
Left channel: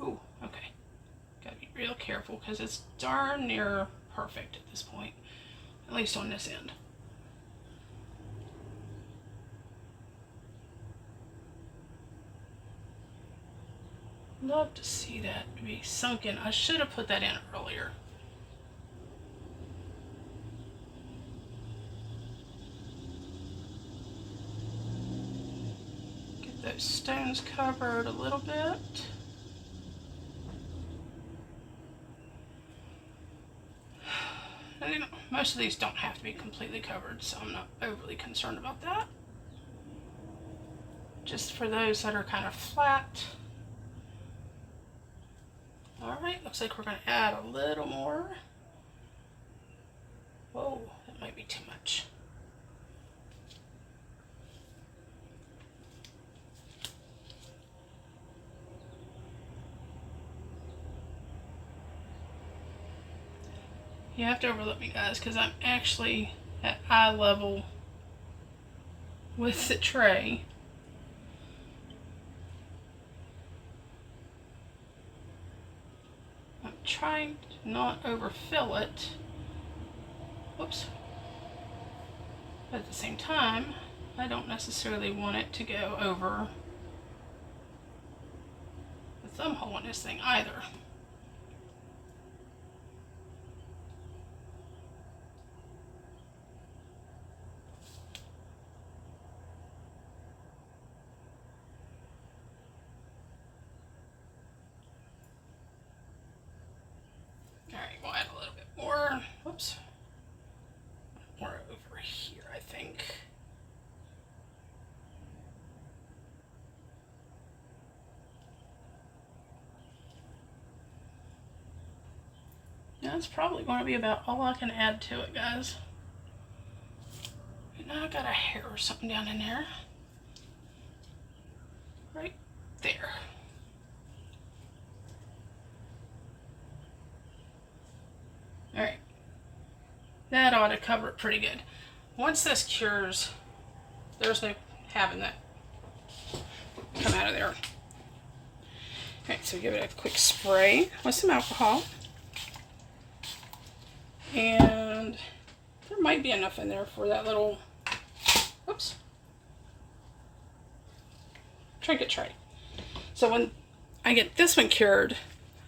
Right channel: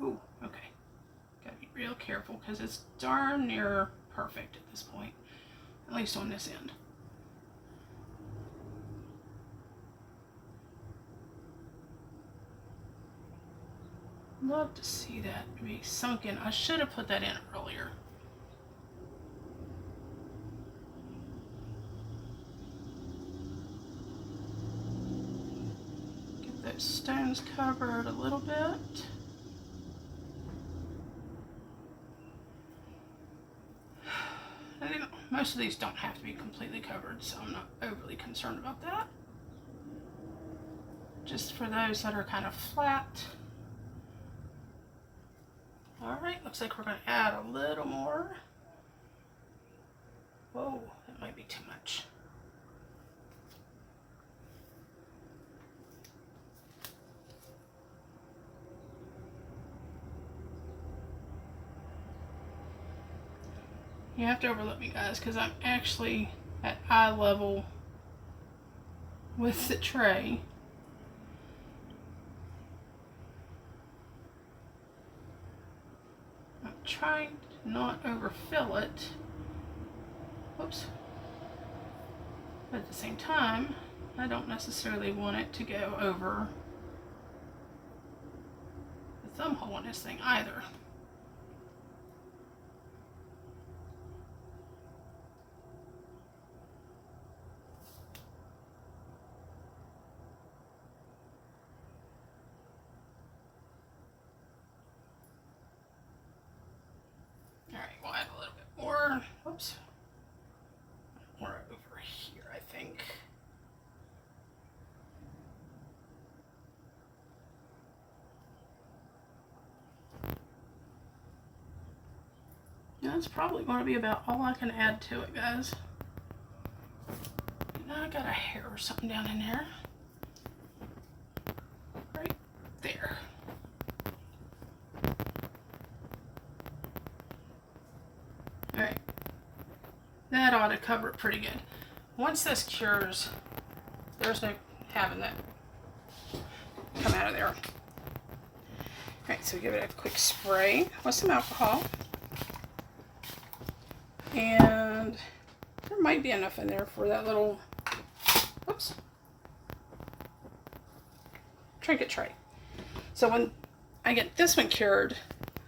Ooh, okay. Gotta be real careful because it's darn near perfect at this point, at least on this end. Love to see that be sunken. I should have put that in earlier. those stones covered a little bit. Most of these don't have to be completely covered, so I'm not overly concerned about that. Just for those that are kind of flat. Alright, looks like we're going to add a little more. Whoa, that might be too much. You have to overlook me, guys, because I'm actually at eye level with the tray. I'm trying to not overfill it. Whoops. But at the same time, I don't necessarily want it to go over the thumb hole in this thing either. We'll add a little bit more. Whoops. More over here, I think. That's probably going to be about all I can add to it, guys. Now I got a hair or something down in there. Right there. Alright, that ought to cover it pretty good. Once this cures, there's no having that come out of there. Alright, so give it a quick spray with some alcohol. And there might be enough in there for that little, oops, trinket tray. So when I get this one cured,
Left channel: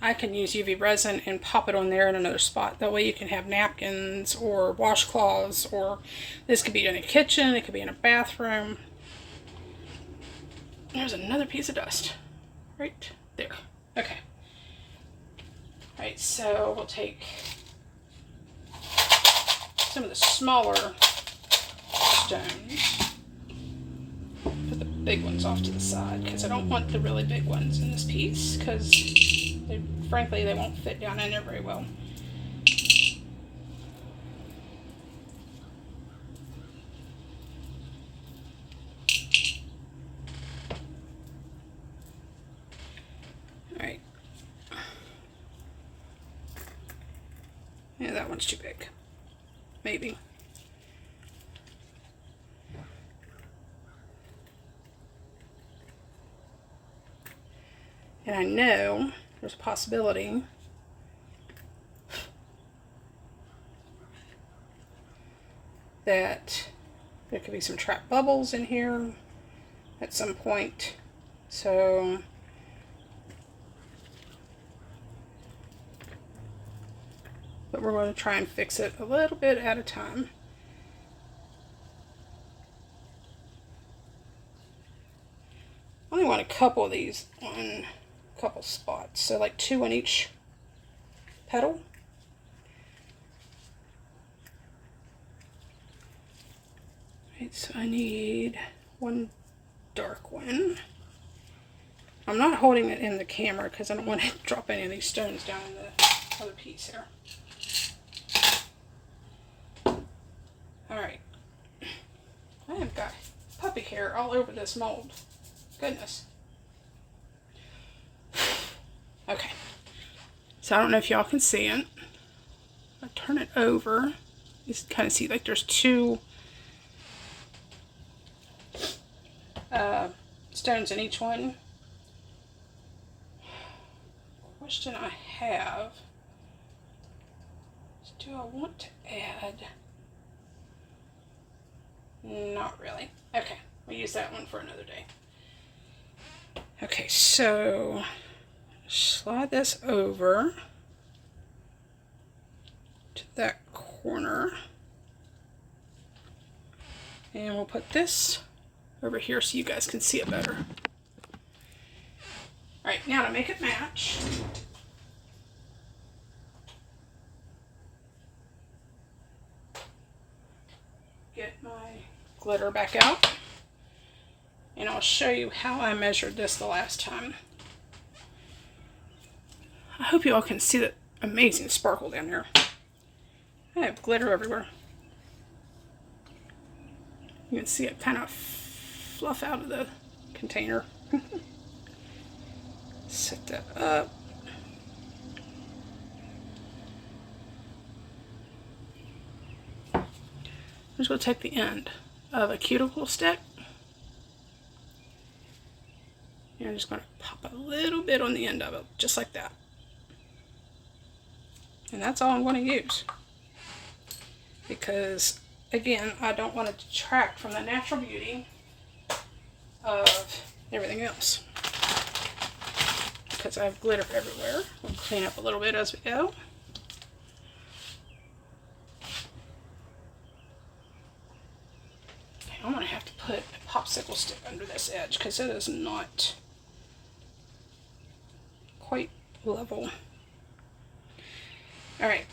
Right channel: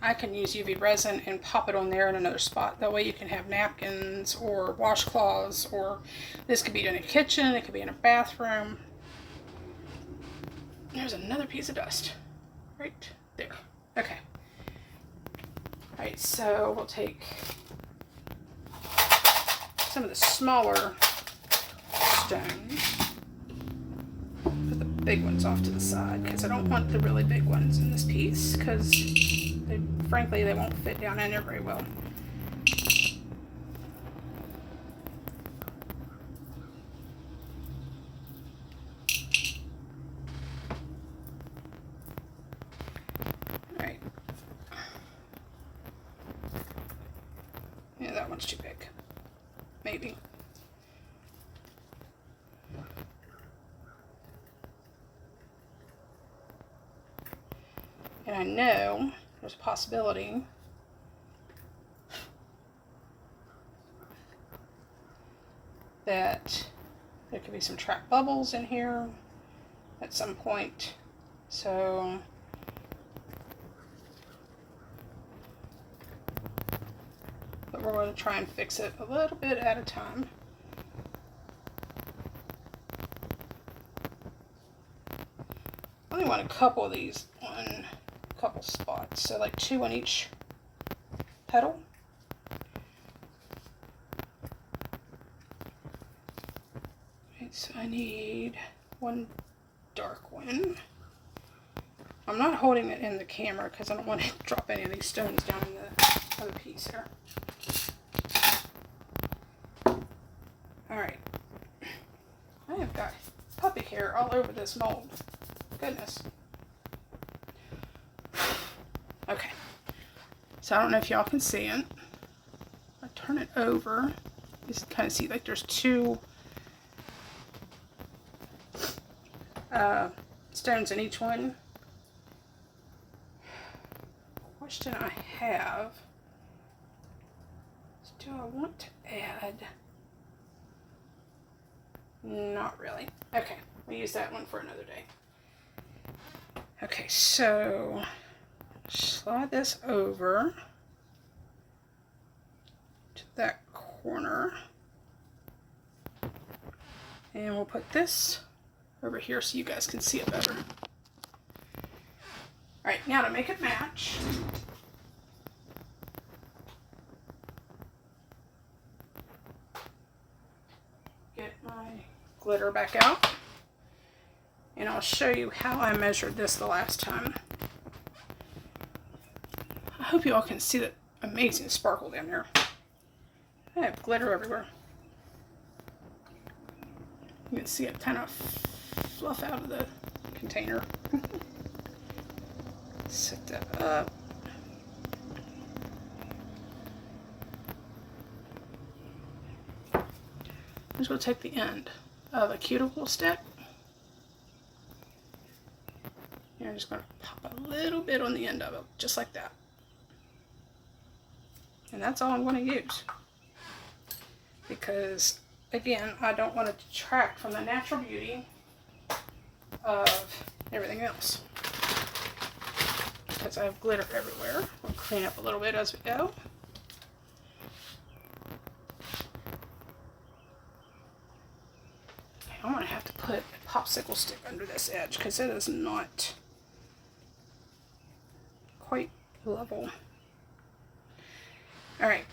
I can use UV resin and pop it on there in another spot. That way you can have napkins or washcloths, or this could be in a kitchen, it could be in a bathroom. There's another piece of dust right there. Okay. Alright, so we'll take some of the smaller stones. Put the big ones off to the side because I don't want the really big ones in this piece because frankly, they won't fit down in there very well. Alright. Yeah, that one's too big. Maybe. And I know there's a possibility that there could be some trapped bubbles in here at some point. So but we're going to try and fix it a little bit at a time. I only want a couple of these on a couple spots, so like 2 on each petal. Right, so I need one dark one. I'm not holding it in the camera because I don't want to drop any of these stones down in the other piece here. Alright. I have got puppy hair all over this mold. Goodness. Okay. So I don't know if y'all can see it. I'll turn it over. You can kind of see like there's 2 stones in each one. Question I have is, do I want to add? Not really. Okay, we'll use that one for another day. Okay, so slide this over to that corner. And we'll put this over here so you guys can see it better. All right, now to make it match, get my glitter back out, and I'll show you how I measured this the last time. I hope you all can see the amazing sparkle down here. I have glitter everywhere. You can see it kind of fluff out of the container. Set that up. I'm just going to take the end of a cuticle stick. And I'm just going to pop a little bit on the end of it, just like that. And that's all I'm going to use. Because, again, I don't want to detract from the natural beauty of everything else. Because I have glitter everywhere. We'll clean up a little bit as we go. Okay, I'm going to have to put a popsicle stick under this edge because it is not quite level. Alright.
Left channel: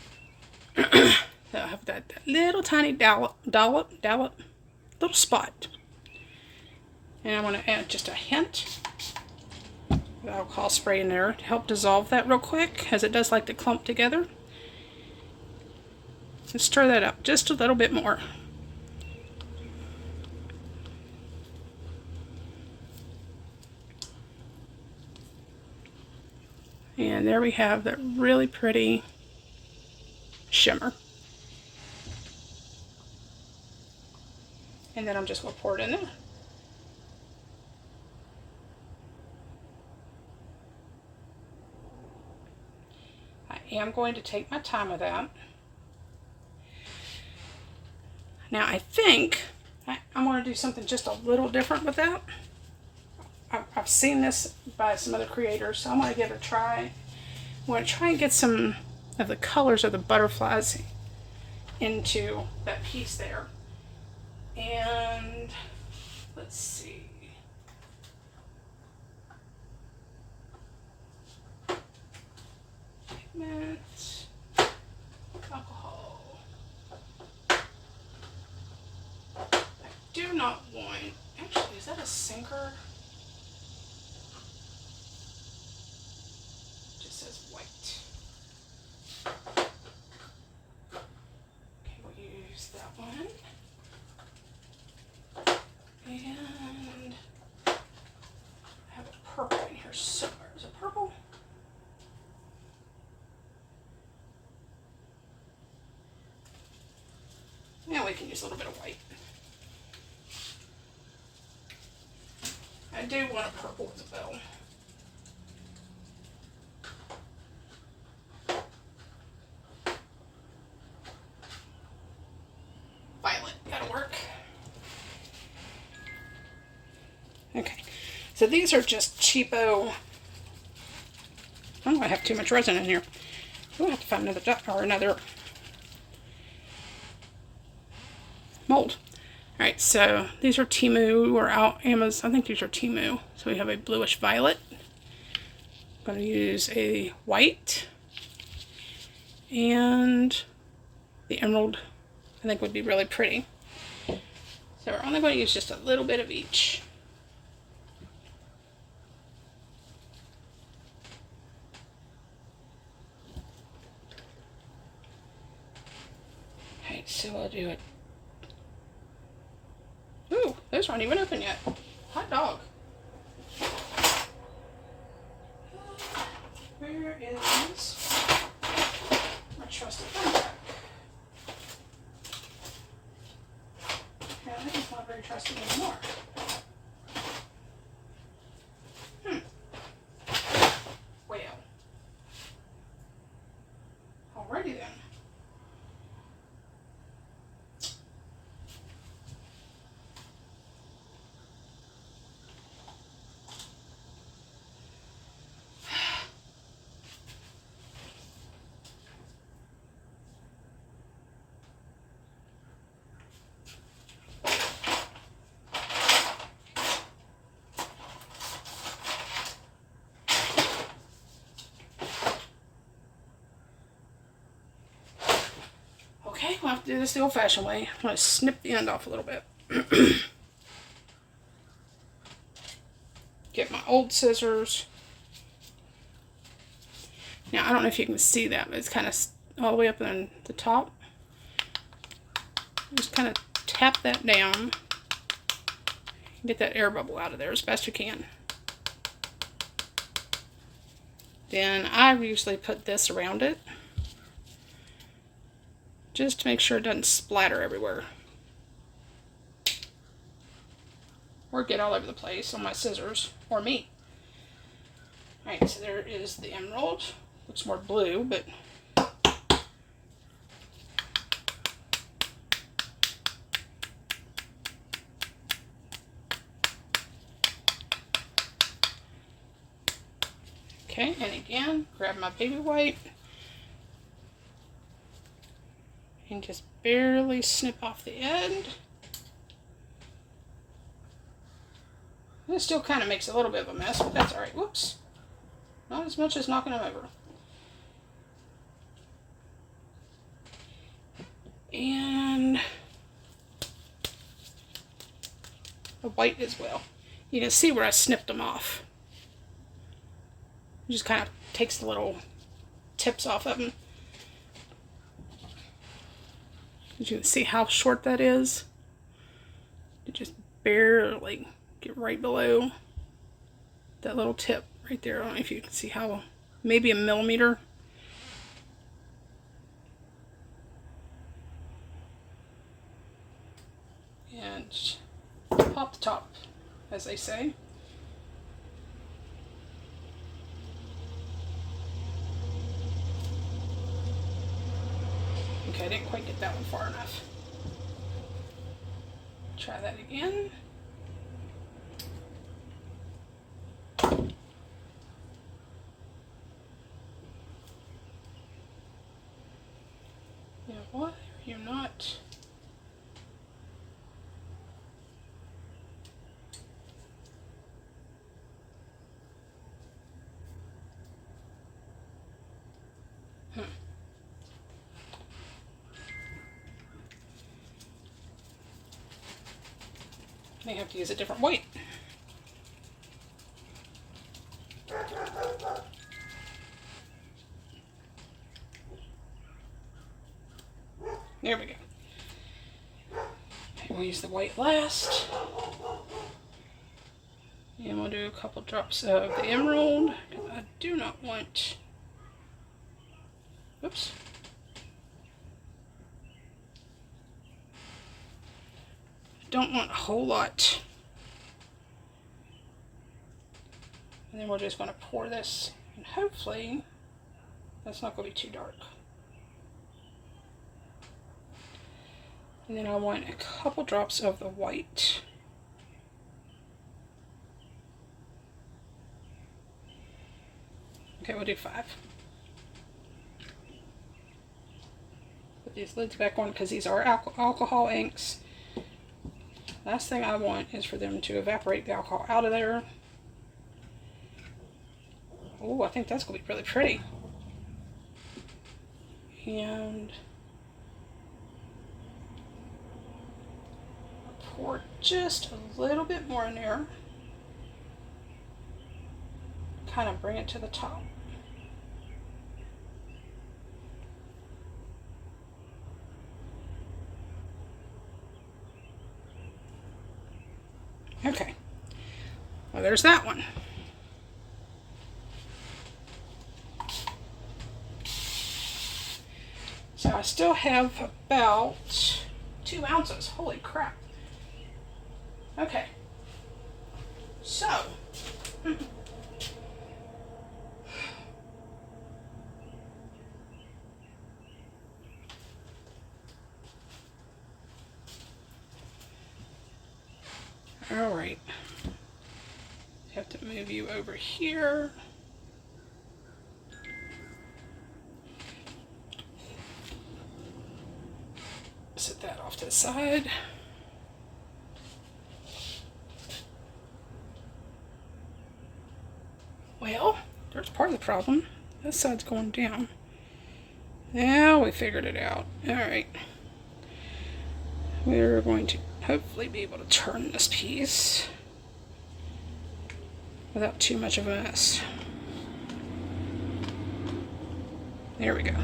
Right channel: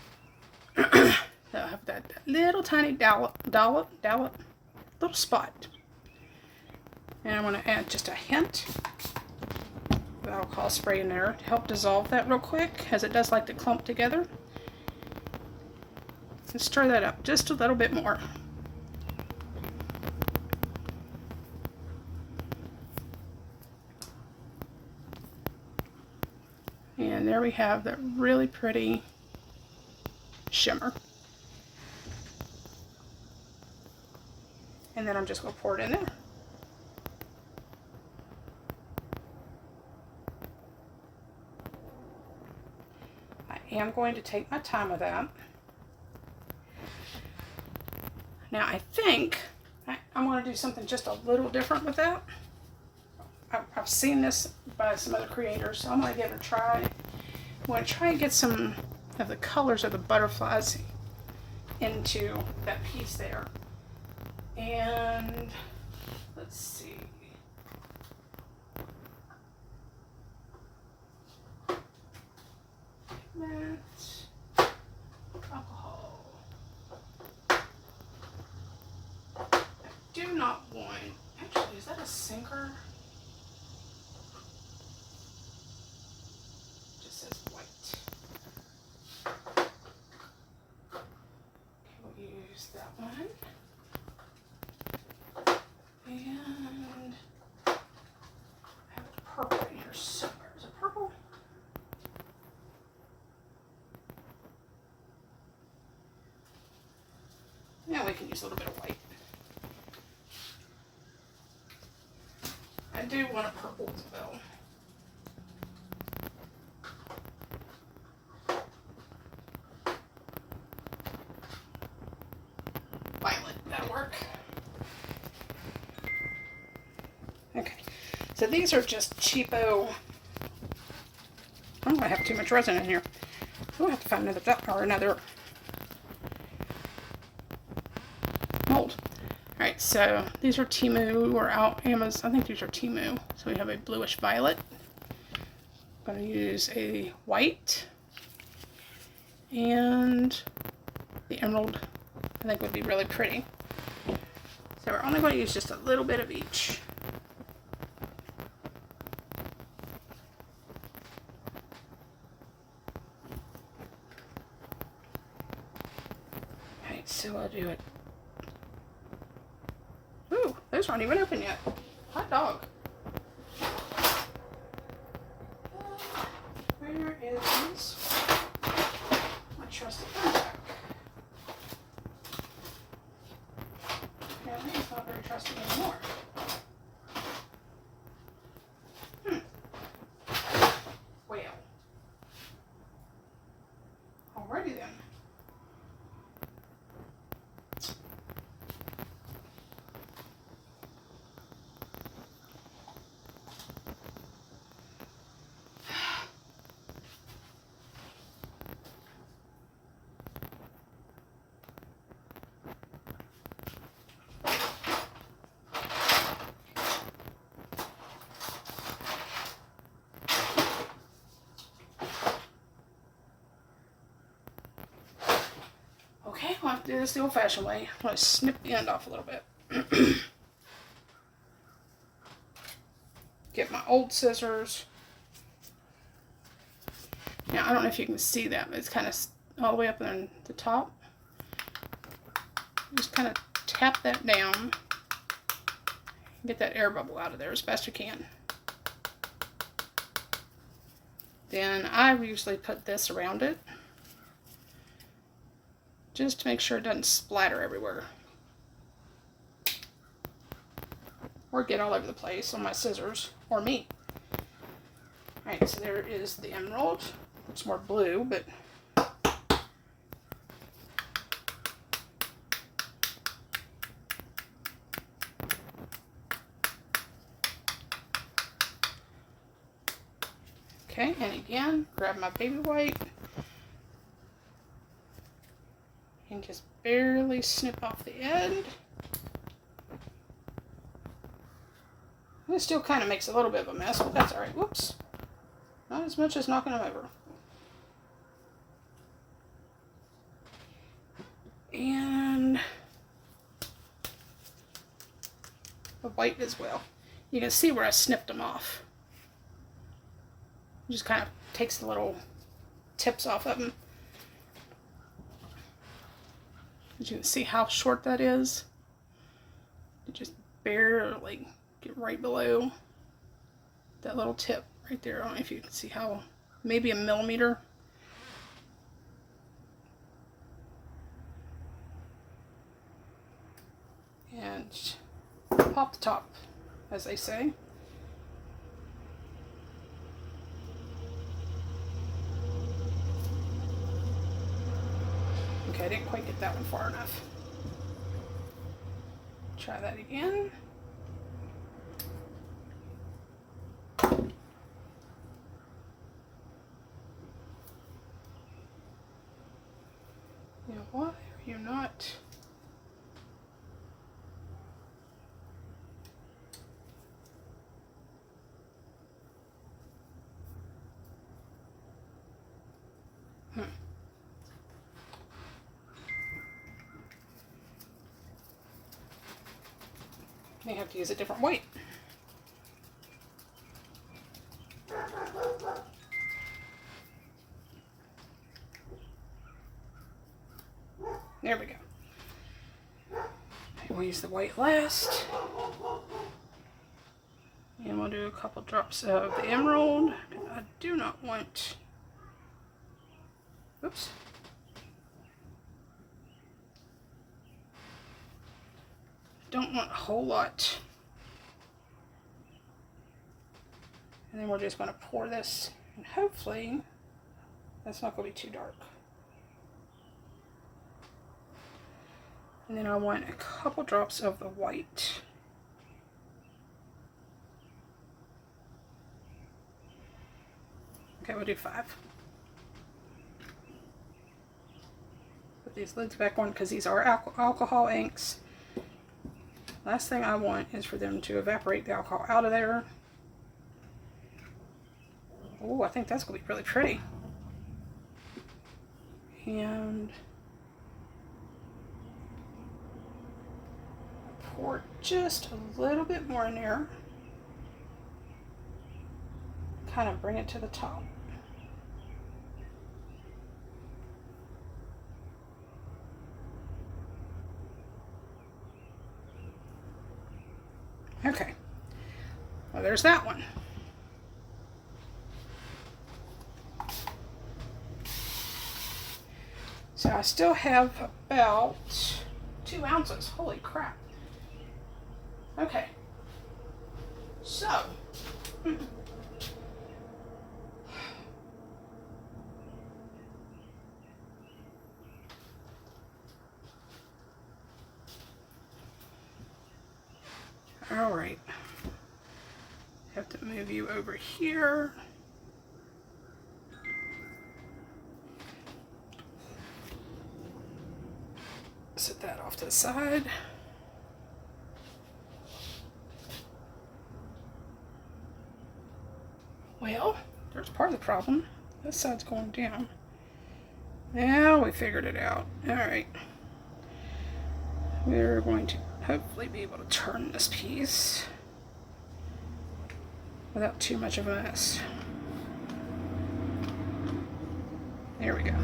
So I have that little tiny dollop, little spot. And I'm going to add just a hint of alcohol spray in there to help dissolve that real quick, as it does like to clump together. And stir that up just a little bit more. And there we have that really pretty shimmer. And then I'm just going to pour it in there. I am going to take my time with that. Now I think I'm going to do something just a little different with that. I've seen this by some other creators, so I'm going to give it a try. I'm going to try and get some of the colors of the butterflies into that piece there. And let's see. Pigment, alcohol. I do not want, actually, is that a sinker? It just says white. Okay, we'll use that one. And I have a purple in here somewhere. Is it purple? Yeah, we can use a little bit of white. I do want a purple as well. Violet, that'll work. Okay, so these are just cheapo. Oh, I have too much resin in here. We'll have to find another dot or another mold. Alright, so these are Temu or out Amazon. I think these are Temu. So we have a bluish violet. I'm going to use a white. And the emerald, I think, would be really pretty. So we're only going to use just a little bit of each. Alright, so I'll do it. Ooh, those aren't even open yet. Hot dog. Where is my trusty thumbtack? Yeah, I think it's not very trusty anymore. Well. Alrighty then. do this the old-fashioned way. I'm going to snip the end off a little bit. Get my old scissors. Now, I don't know if you can see that, but it's kind of all the way up in the top. Just kind of tap that down. Get that air bubble out of there as best you can. Then I usually put this around it, just to make sure it doesn't splatter everywhere. Or get all over the place on my scissors, or me. Alright, so there is the emerald. Looks more blue, but okay, and again, grab my baby white and just barely snip off the end. And it still kind of makes a little bit of a mess, but that's alright. Whoops. Not as much as knocking them over. And the white as well. You can see where I snipped them off. It just kind of takes the little tips off of them. You can see how short that is. It just barely get right below that little tip right there. I don't know if you can see how, maybe a millimeter. And pop the top, as they say. Okay, I didn't quite get that one far enough. Try that again. Yeah, why are you not? I have to use a different white. There we go. And we'll use the white last. And we'll do a couple drops of the emerald, because I do not want, oops. Don't want a whole lot. And then we're just going to pour this, and hopefully that's not going to be too dark. And then I want a couple drops of the white. Okay, we'll do 5. Put these lids back on because these are alcohol inks. Last thing I want is for them to evaporate the alcohol out of there. Oh, I think that's going to be really pretty. And I'll pour just a little bit more in there. Kind of bring it to the top. Okay, well there's that one. So I still have about 2 ounces. Holy crap. Okay, so all right, have to move you over here. Set that off to the side. Well, there's part of the problem. This side's going down. Now we figured it out. All right. we're going to hopefully be able to turn this piece without too much of a mess. There we go.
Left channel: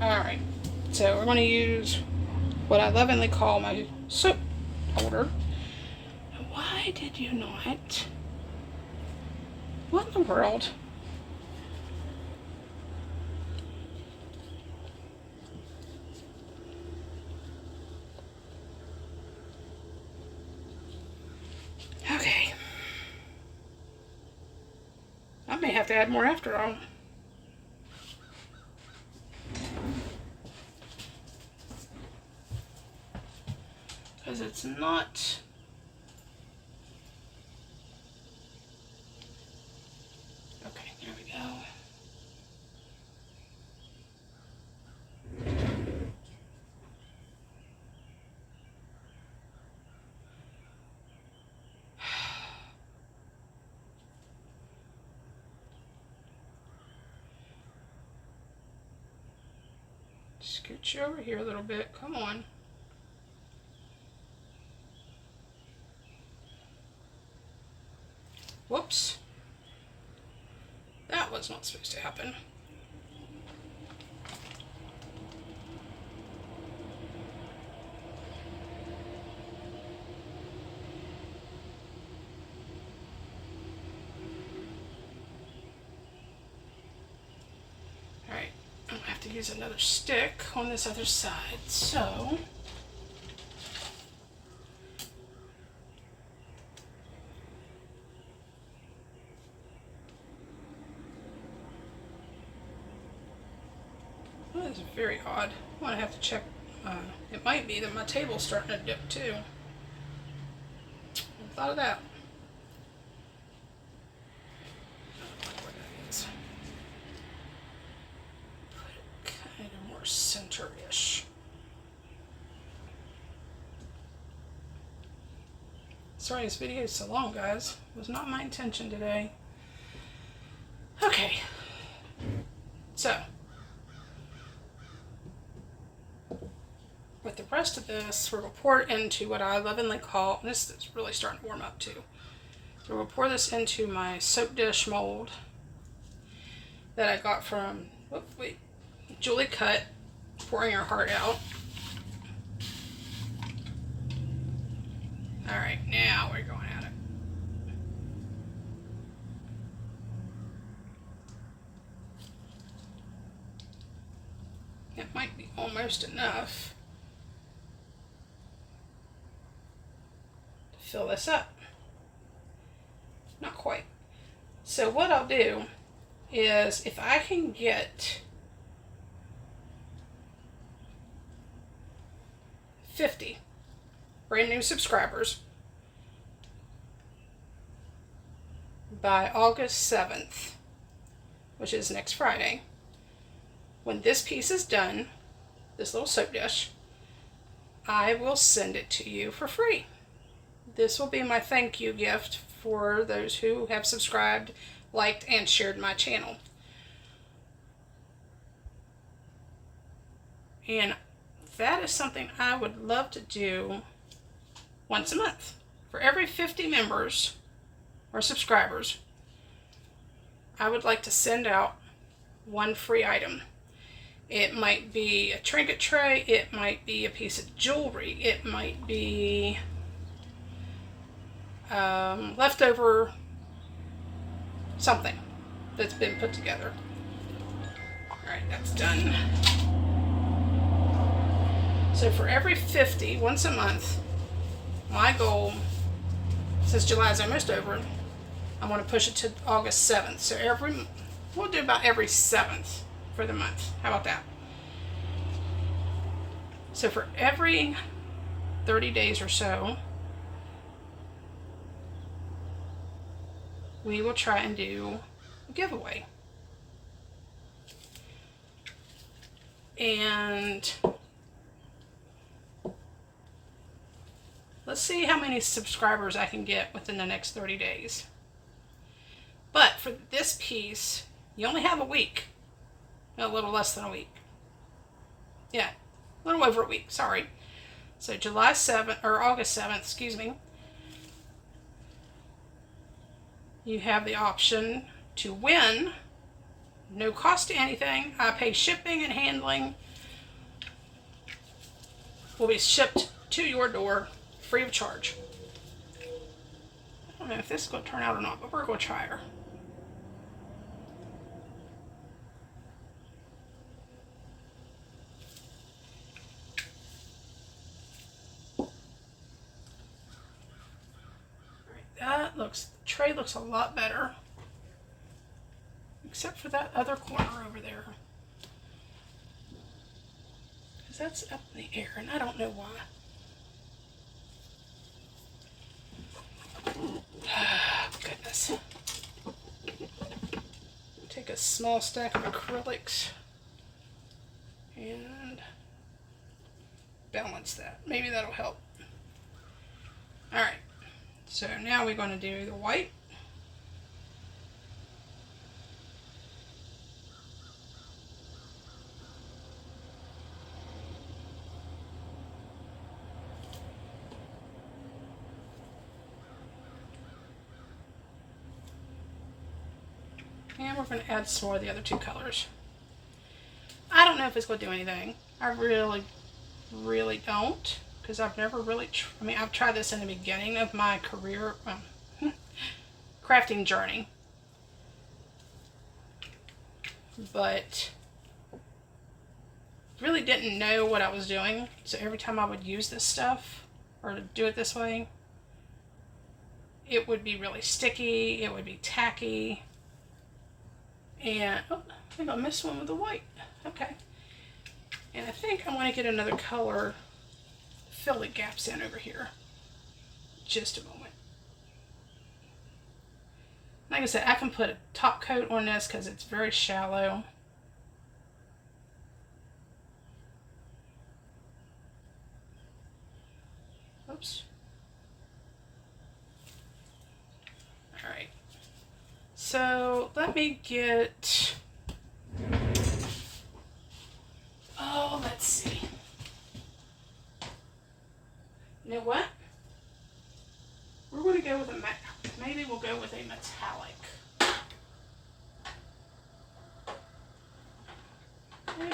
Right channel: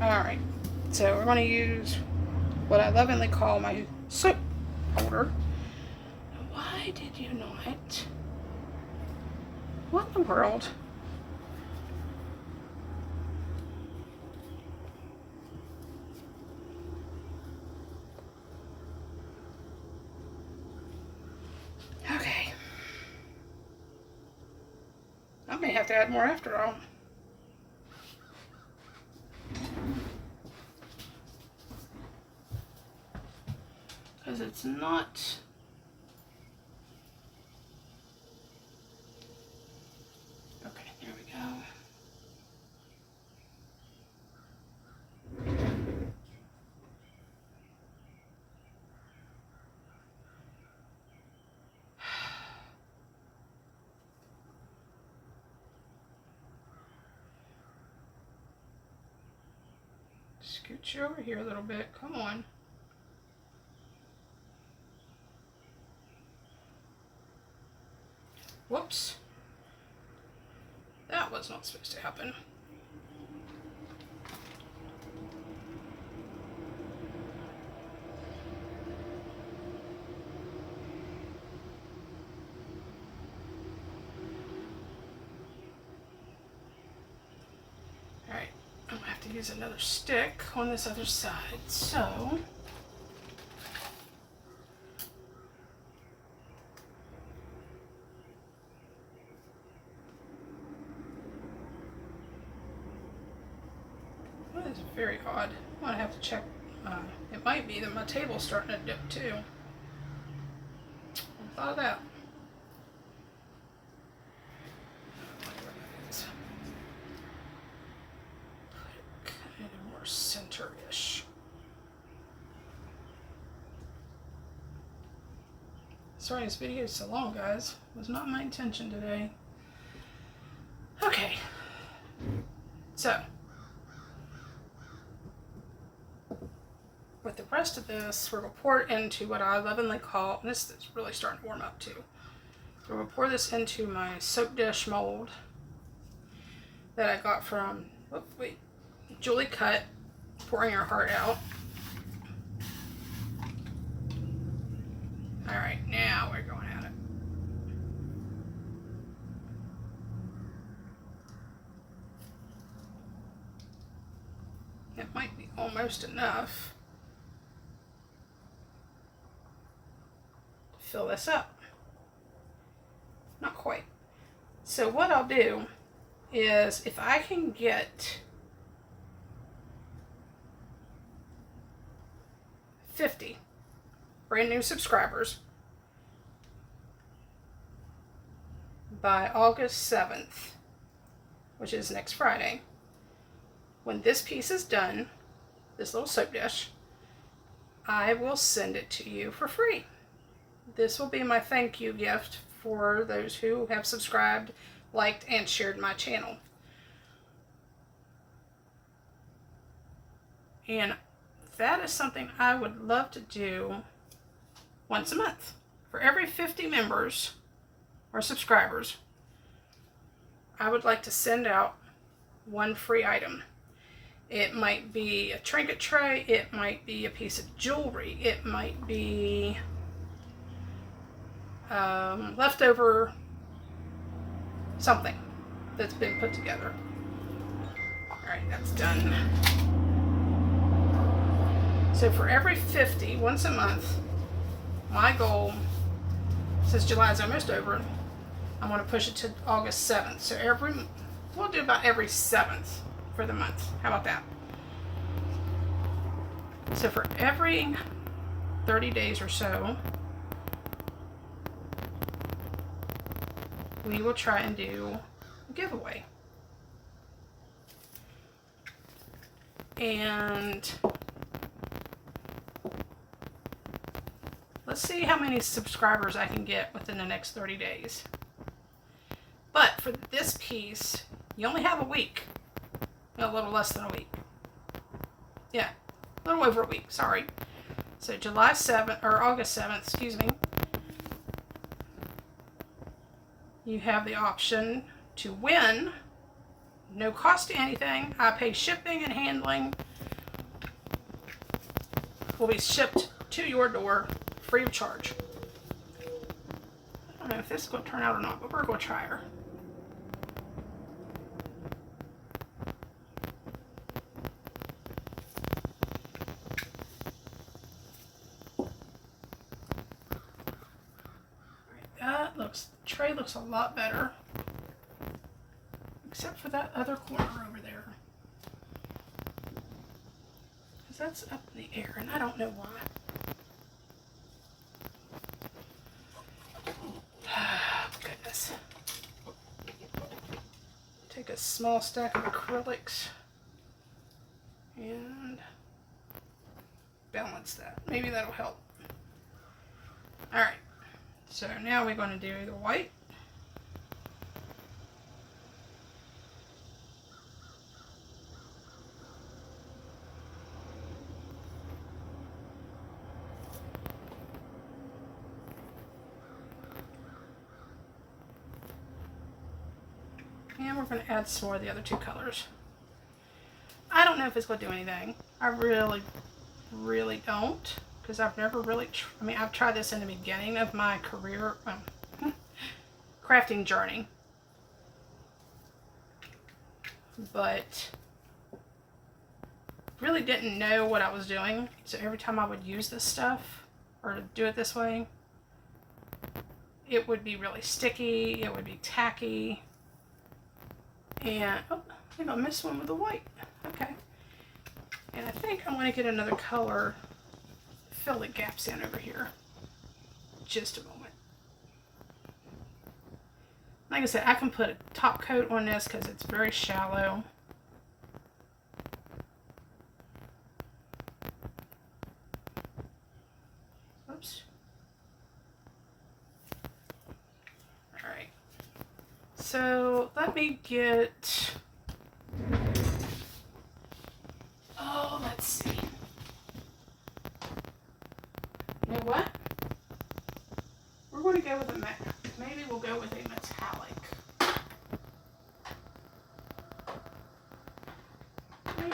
Alright, so we're going to use what I lovingly call my soap holder. Why did you not? What in the world? Okay. I may have to add more after all. Because it's not... Okay, there we go. Scooch you over here a little bit. Come on. Whoops. That was not supposed to happen. Alright, I'm gonna have to use another stick on this other side, so... That is very odd. I'm gonna have to check. It might be that my table's starting to dip too. I thought of that. Put it kind of more center-ish. Sorry this video is so long, guys. It was not my intention today. Okay. So. With the rest of this, we're going to pour it into what I lovingly call, and this is really starting to warm up too. We're going to pour this into my soap dish mold that I got from, Julie Cut, Pouring Her Heart Out. Alright, now we're going at it. It might be almost enough. Fill this up. Not quite. So what I'll do is, if I can get 50 brand new subscribers by August 7th, which is next Friday, when this piece is done, this little soap dish, I will send it to you for free. This will be my thank you gift for those who have subscribed, liked, and shared my channel. And that is something I would love to do once a month. For every 50 members or subscribers, I would like to send out one free item. It might be a trinket tray, it might be a piece of jewelry, it might be leftover something that's been put together. Alright, that's done. So for every 50, once a month, my goal, since July is almost over, I want to push it to August 7th. So we'll do about every 7th for the month. How about that? So for every 30 days or so, we will try and do a giveaway. And let's see how many subscribers I can get within the next 30 days. But for this piece, you only have a week. A little less than a week. Yeah, a little over a week, sorry. So July 7th, or August 7th, excuse me, you have the option to win. No cost to anything. I pay shipping and handling. Will be shipped to your door free of charge. I don't know if this is going to turn out or not, but we're going to try her. That looks, the tray looks a lot better. Except for that other corner over there. Because that's up in the air and I don't know why. Goodness. Take a small stack of acrylics and balance that. Maybe that'll help. Alright, so now we're going to do the white. And we're going to add some more of the other two colors. I don't know if it's going to do anything. I really don't. Because I've never really, I've tried this in the beginning of my career, crafting journey. But really didn't know what I was doing. So every time I would use this stuff, or do it this way, it would be really sticky, it would be tacky. And, oh, I think I missed one with the white. Okay. And I think I'm going to get another color, fill the gaps in over here. Just a moment. Like I said, I can put a top coat on this because it's very shallow. Oops. Alright. So let me get, oh, let's see. You know what? We're going to go with maybe we'll go with a metallic.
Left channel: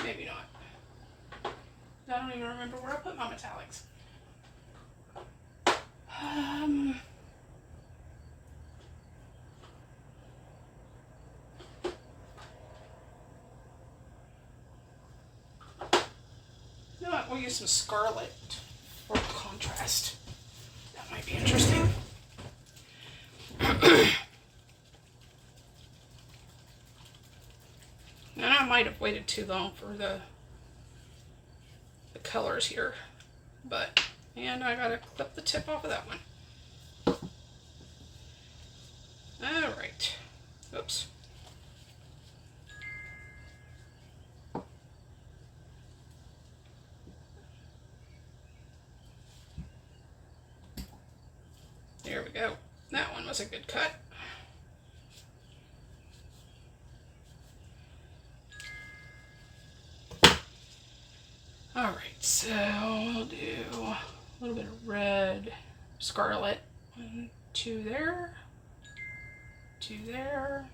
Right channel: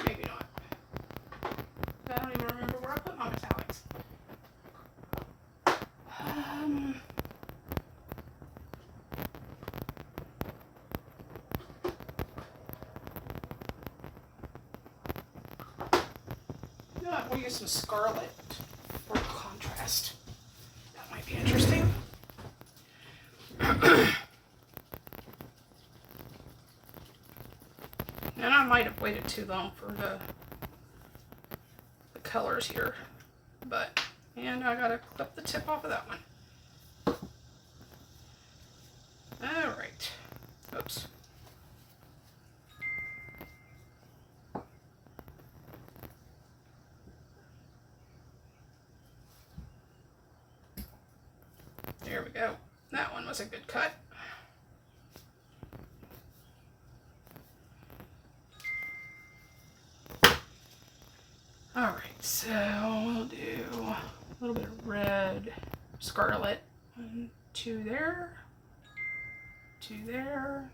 Maybe not. I don't even remember where I put my metallics. You know what? We'll use some scarlet for contrast. That might be interesting. And I might have waited too long for the colors here, and I gotta clip the tip off of that one. All right. Oops. There we go. That one was a good cut. All right, so we'll do a little bit of red, scarlet. 1, 2 there, 2 there.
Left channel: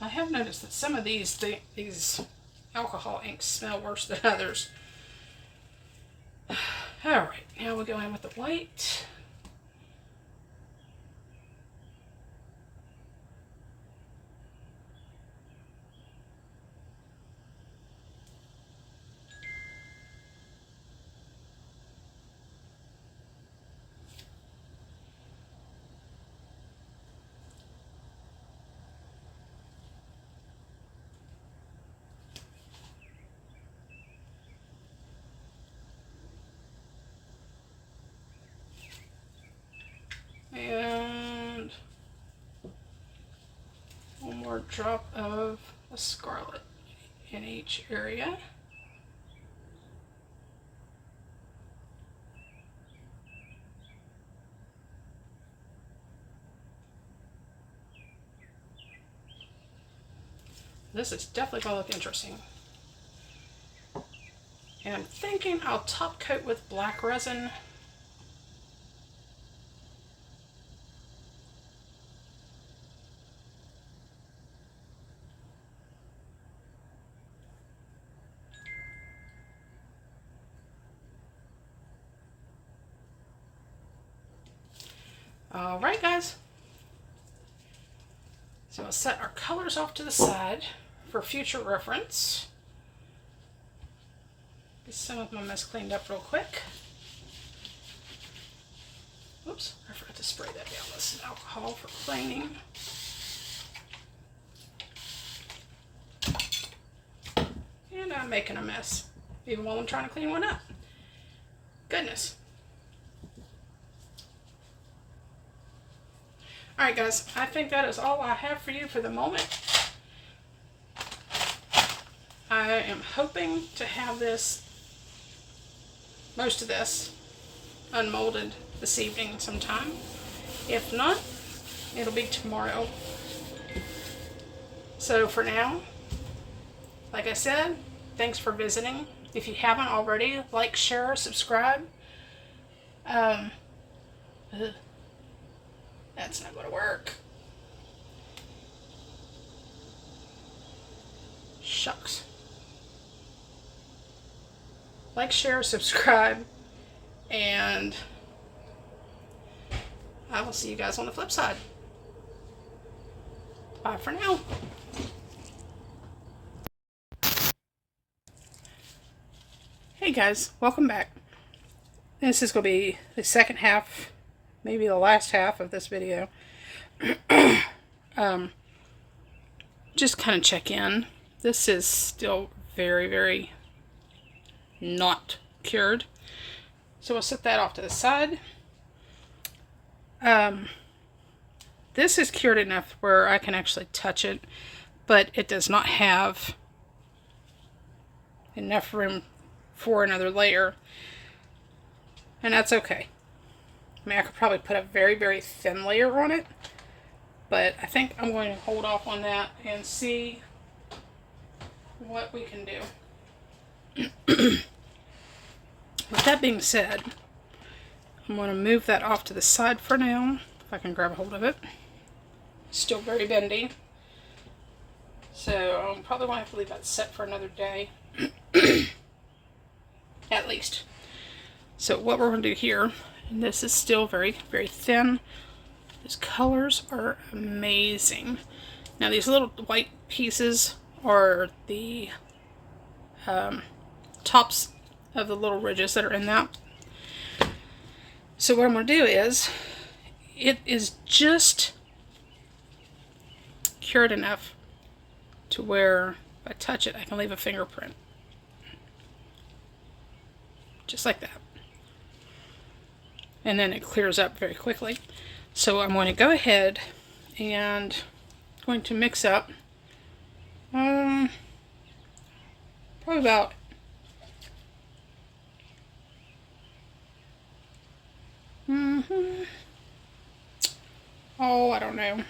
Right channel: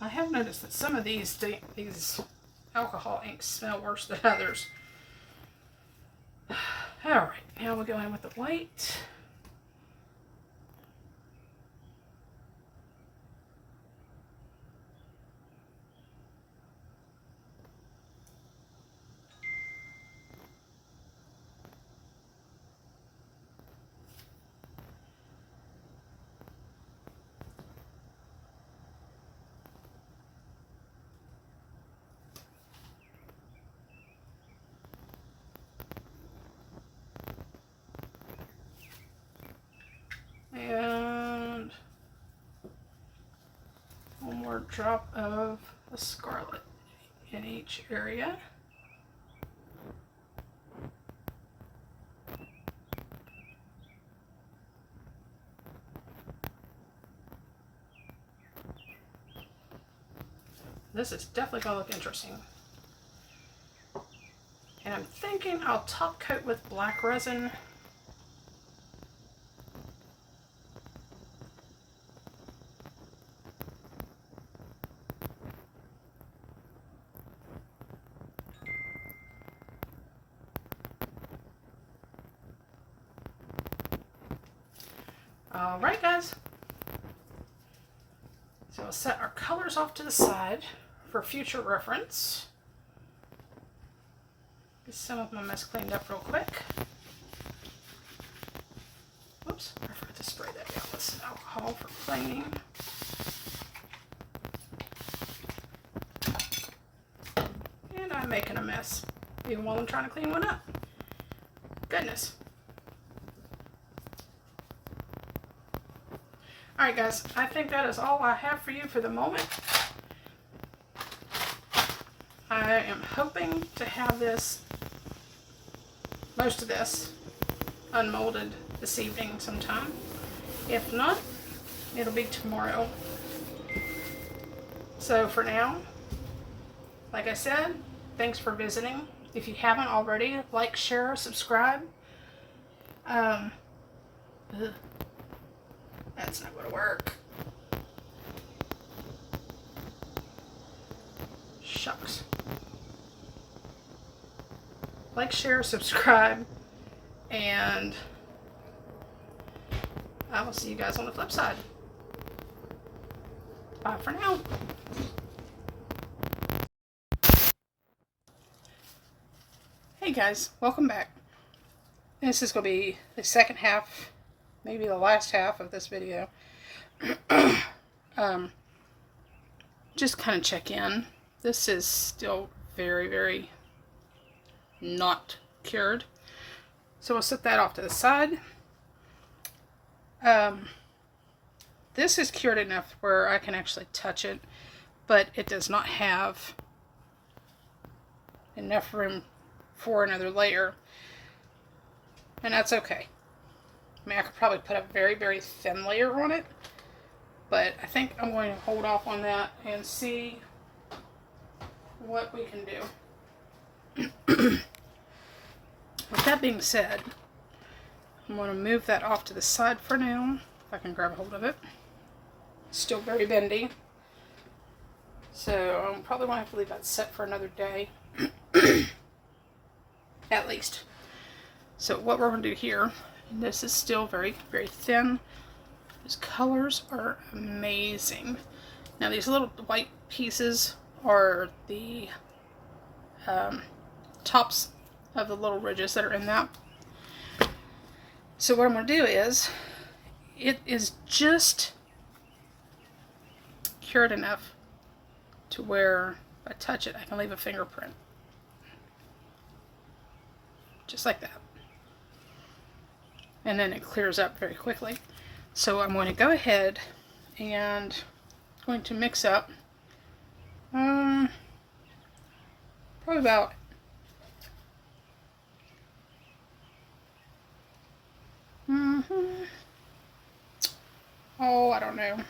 I have noticed that some of these alcohol inks smell worse than others. All right, now we'll go in with the white. And one more drop of a scarlet in each area. This is definitely going to look interesting. And I'm thinking I'll top coat with black resin. All right, guys. So we'll set our colors off to the side for future reference. Get some of my mess cleaned up real quick. Whoops, I forgot to spray that down with some alcohol for cleaning. And I'm making a mess, even while I'm trying to clean one up. Goodness. Alright guys, I think that is all I have for you for the moment. I am hoping to have this, most of this, unmolded this evening sometime. If not, it'll be tomorrow. So for now, like I said, thanks for visiting. If you haven't already, like, share, subscribe. That's not going to work. Shucks. Like, share, subscribe, and I will see you guys on the flip side. Bye for now. Hey guys, welcome back. This is going to be the second half, maybe the last half of this video. Just kind of check in. This is still very, very not cured. So we'll set that off to the side. This is cured enough where I can actually touch it, but it does not have enough room for another layer. And that's okay. I mean, I could probably put a very, very thin layer on it, but I think I'm going to hold off on that and see what we can do. With that being said, I'm going to move that off to the side for now, if I can grab a hold of it. Still very bendy, so I'm probably going to have to leave that set for another day, at least. So what we're going to do here, and this is still very, very thin. These colors are amazing. Now these little white pieces are the tops of the little ridges that are in that. So what I'm going to do is, it is just cured enough to where if I touch it, I can leave a fingerprint. Just like that. And then it clears up very quickly. So I'm going to go ahead and going to mix up probably about oh, I don't know.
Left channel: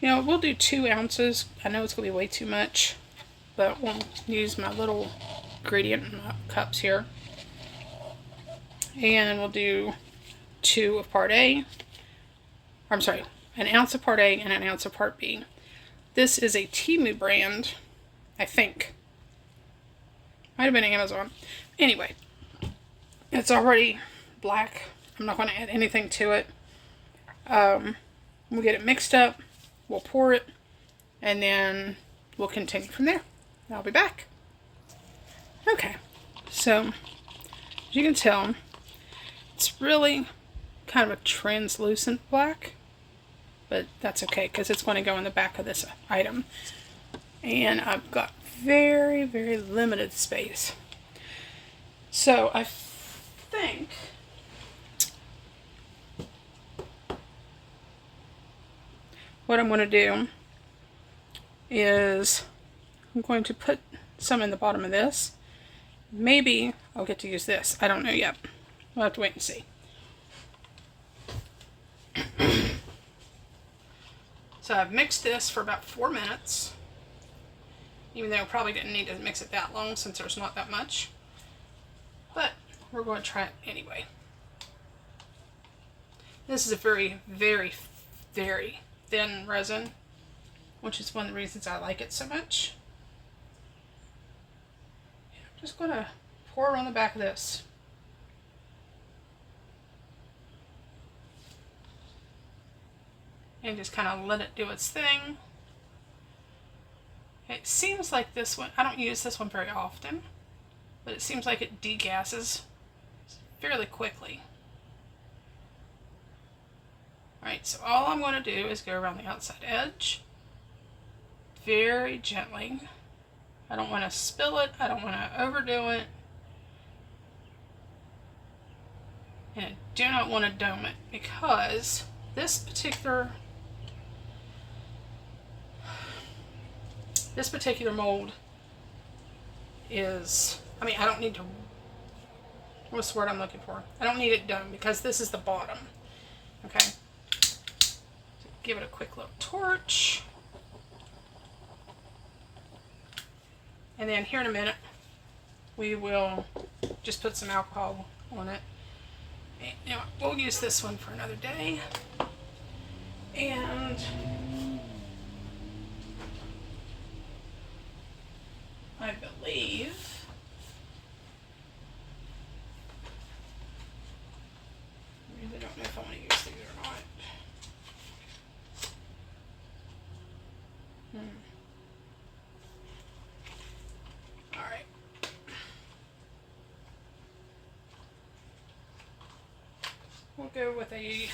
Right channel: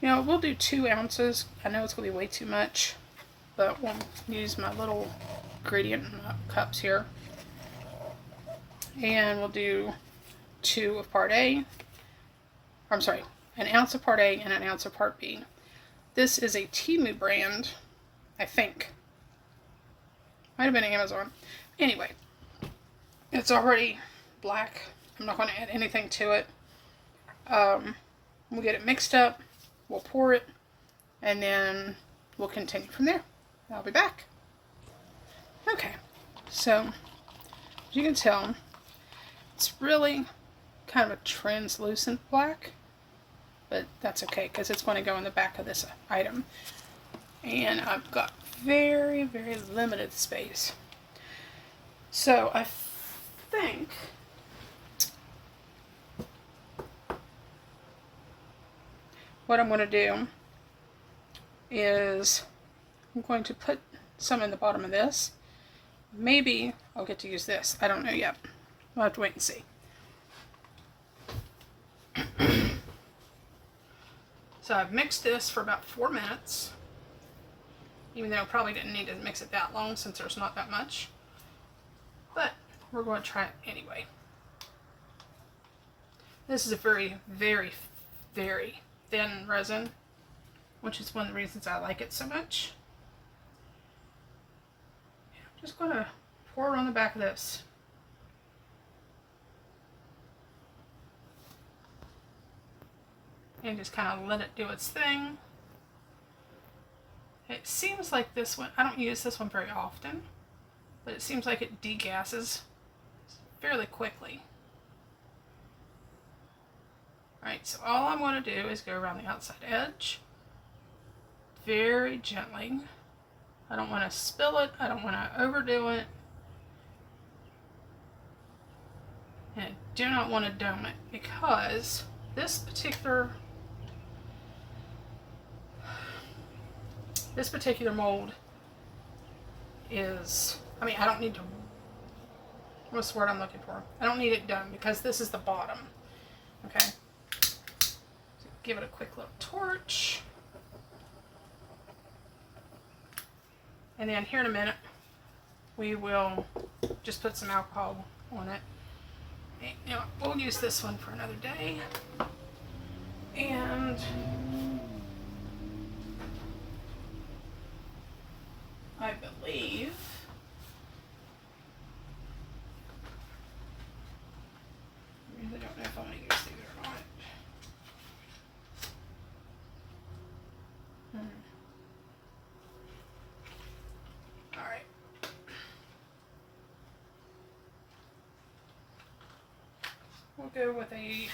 You know, we'll do 2 ounces. I know it's going to be way too much, but we'll use my little gradient cups here. And we'll do 2 of part A. I'm sorry, an ounce of part A and an ounce of part B. This is a Temu brand, I think. Might have been Amazon. Anyway, it's already black. I'm not going to add anything to it. We'll get it mixed up. We'll pour it, and then we'll continue from there. I'll be back. Okay, so as you can tell, it's really kind of a translucent black, but that's okay because it's going to go in the back of this item. And I've got very, very limited space. So I think what I'm going to do is I'm going to put some in the bottom of this. Maybe I'll get to use this. I don't know yet. We'll have to wait and see. So I've mixed this for about 4 minutes, even though I probably didn't need to mix it that long since there's not that much. But we're going to try it anyway. This is a very, very, very thin resin, which is one of the reasons I like it so much. I'm just going to pour it on the back of this. And just kind of let it do its thing. It seems like this one, I don't use this one very often, but it seems like it degasses fairly quickly. Alright, so all I'm going to do is go around the outside edge very gently. I don't want to spill it, I don't want to overdo it, and I do not want to dome it because this particular mold is, I mean, I don't need to, what's the word I'm looking for? I don't need it done because this is the bottom. Okay. So give it a quick little torch. And then here in a minute, we will just put some alcohol on it. And, you know, we'll use this one for another day. And I believe I really don't know if I want to use these or not. Alright. We'll go with a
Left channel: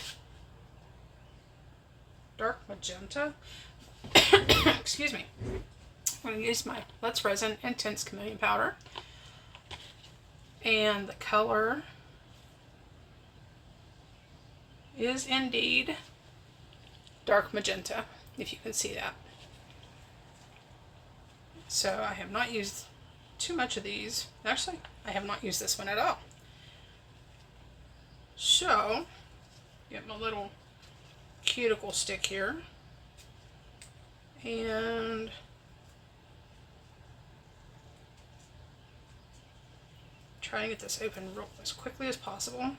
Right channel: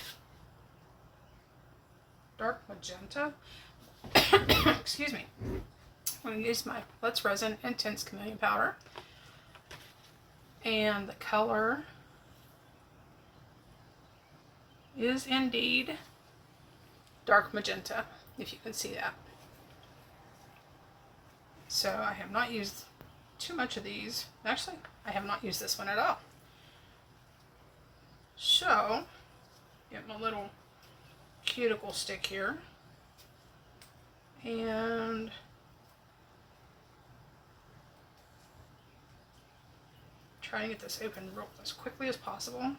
dark magenta. Excuse me. I'm going to use my Let's Resin Intense Chameleon Powder. And the color is indeed dark magenta, if you can see that. So I have not used too much of these. Actually, I have not used this one at all. So, get my little cuticle stick here. And try to get this open as quickly as possible.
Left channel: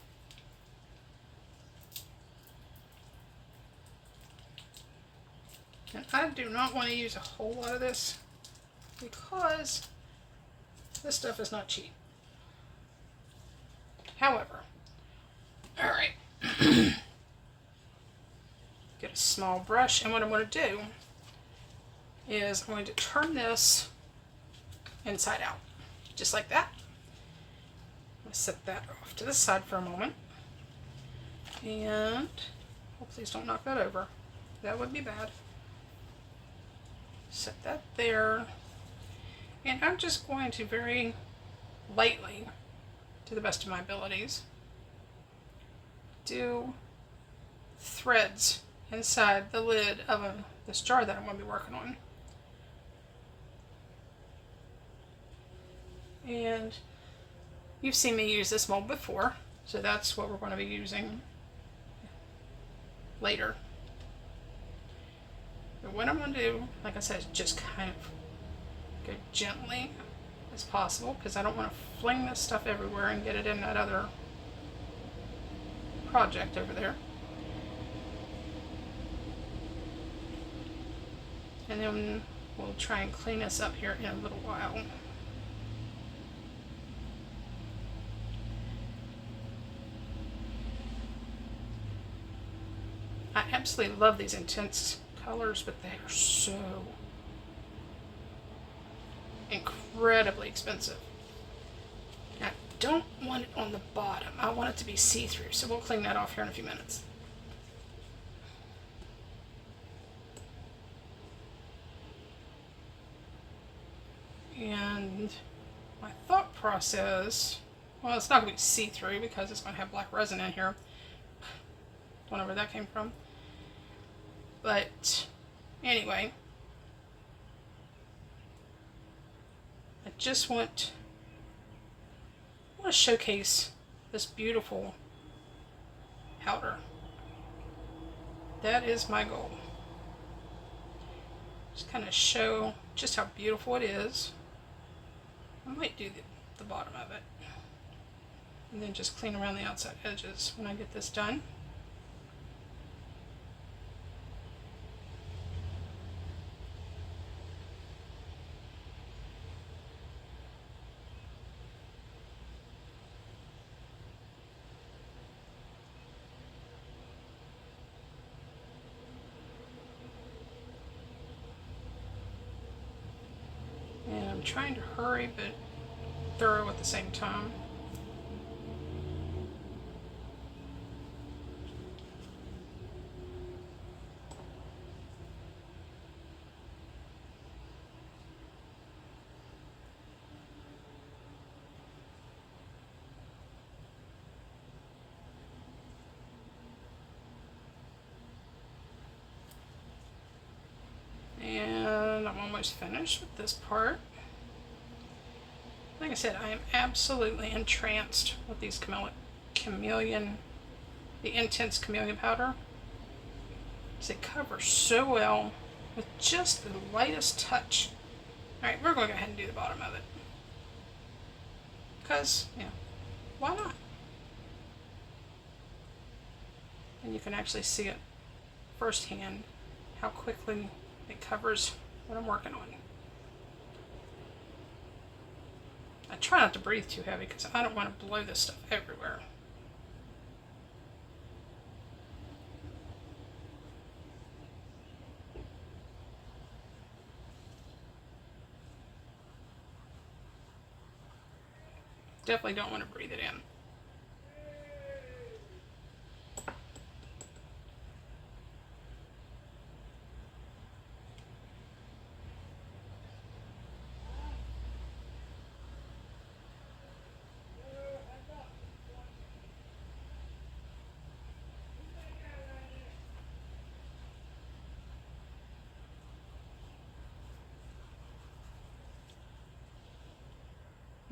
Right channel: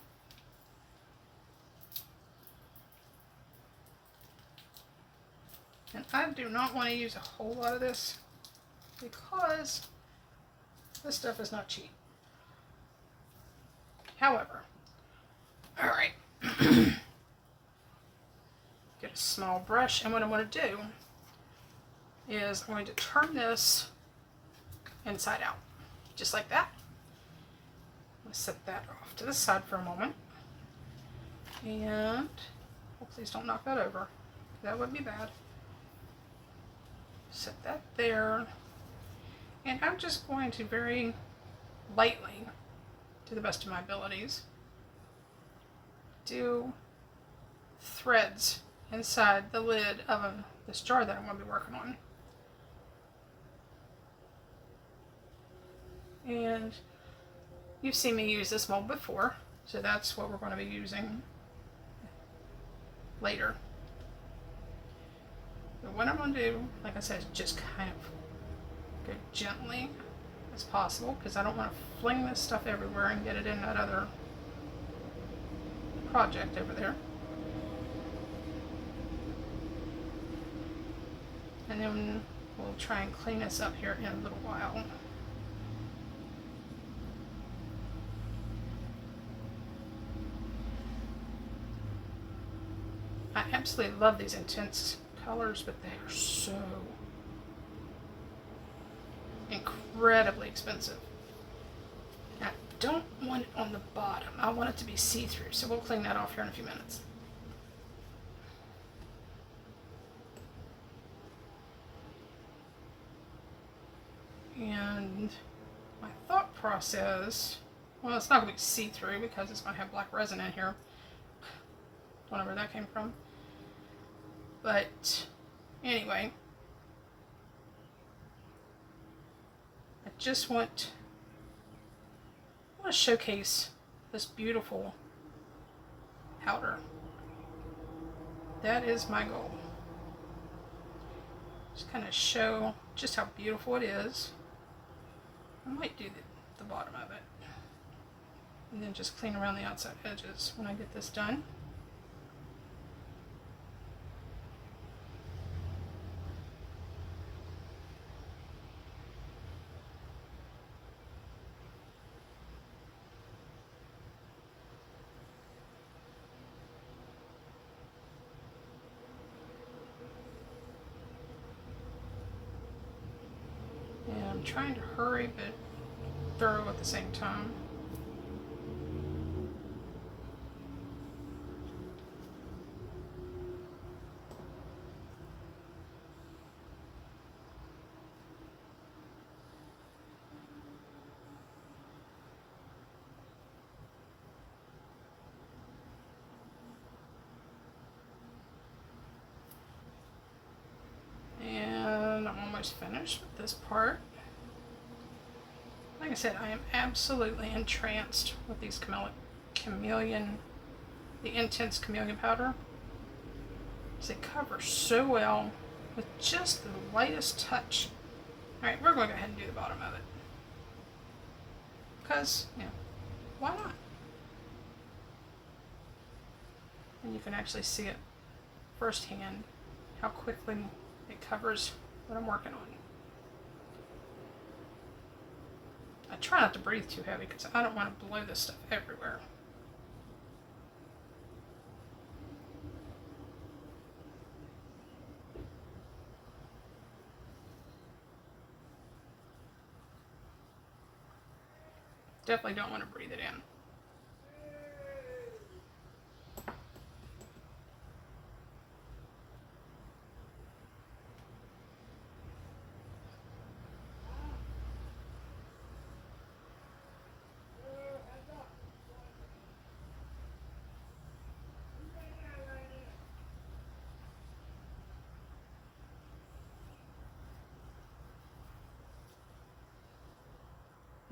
And I do not want to use a whole lot of this because this stuff is not cheap. However, alright, get a small brush, and what I'm going to do is I'm going to turn this inside out, just like that. I'm going to set that off to the side for a moment, and please don't knock that over. That would be bad. Set that there, and I'm just going to very lightly, to the best of my abilities, do threads inside the lid of this jar that I'm going to be working on. And you've seen me use this mold before, so that's what we're going to be using later. But what I'm going to do, like I said, is just kind of go gently as possible, because I don't want to fling this stuff everywhere and get it in that other project over there. And then we'll try and clean this up here in a little while. I absolutely love these intense colors, but they are so incredibly expensive. I don't want it on the bottom. I want it to be see-through, so we'll clean that off here in a few minutes. And my thought process, well, it's not going to be see-through because it's going to have black resin in here. Don't know where that came from. But anyway, I just want to showcase this beautiful powder. That is my goal. Just kind of show just how beautiful it is. I might do the bottom of it. And then just clean around the outside edges when I get this done. And I'm trying to hurry but thorough at the same time. And I'm almost finished with this part. Like I said, I am absolutely entranced with these the intense chameleon powder. They cover so well with just the lightest touch. Alright, we're going to go ahead and do the bottom of it. Because, you know, why not? And you can actually see it firsthand how quickly it covers what I'm working on. I try not to breathe too heavy because I don't want to blow this stuff everywhere. Definitely don't want to breathe it in.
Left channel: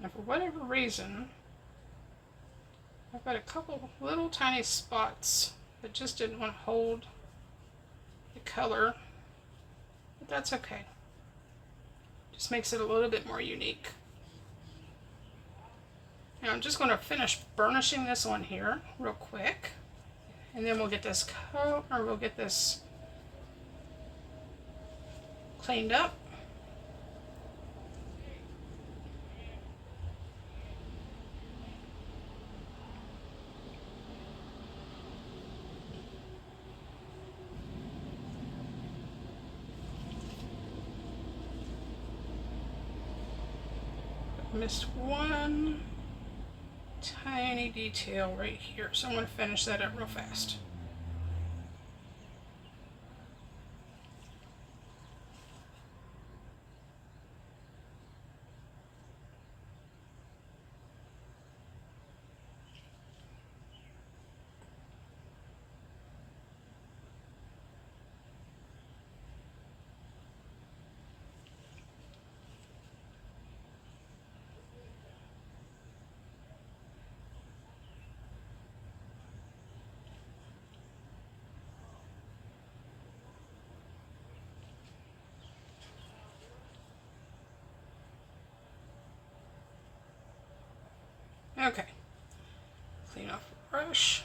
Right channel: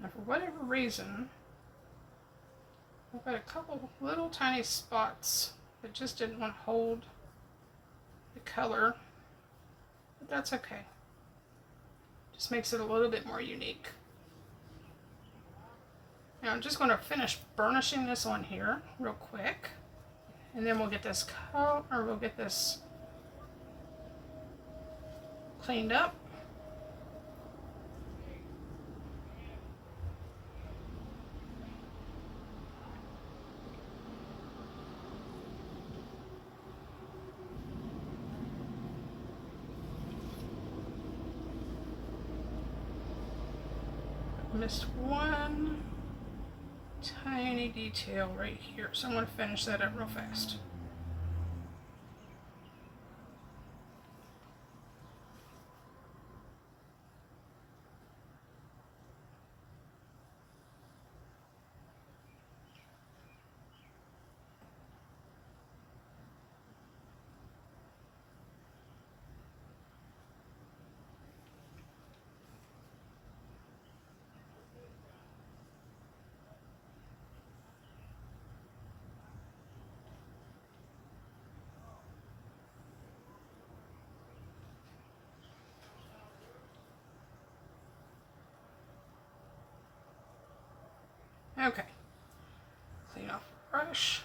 Now, for whatever reason, I've got a couple little tiny spots that just didn't want to hold the color, but that's okay. Just makes it a little bit more unique. Now I'm just going to finish burnishing this on here real quick, and then we'll get this cleaned up. Missed one tiny detail right here, so I'm going to finish that up real fast. Okay, clean off the brush.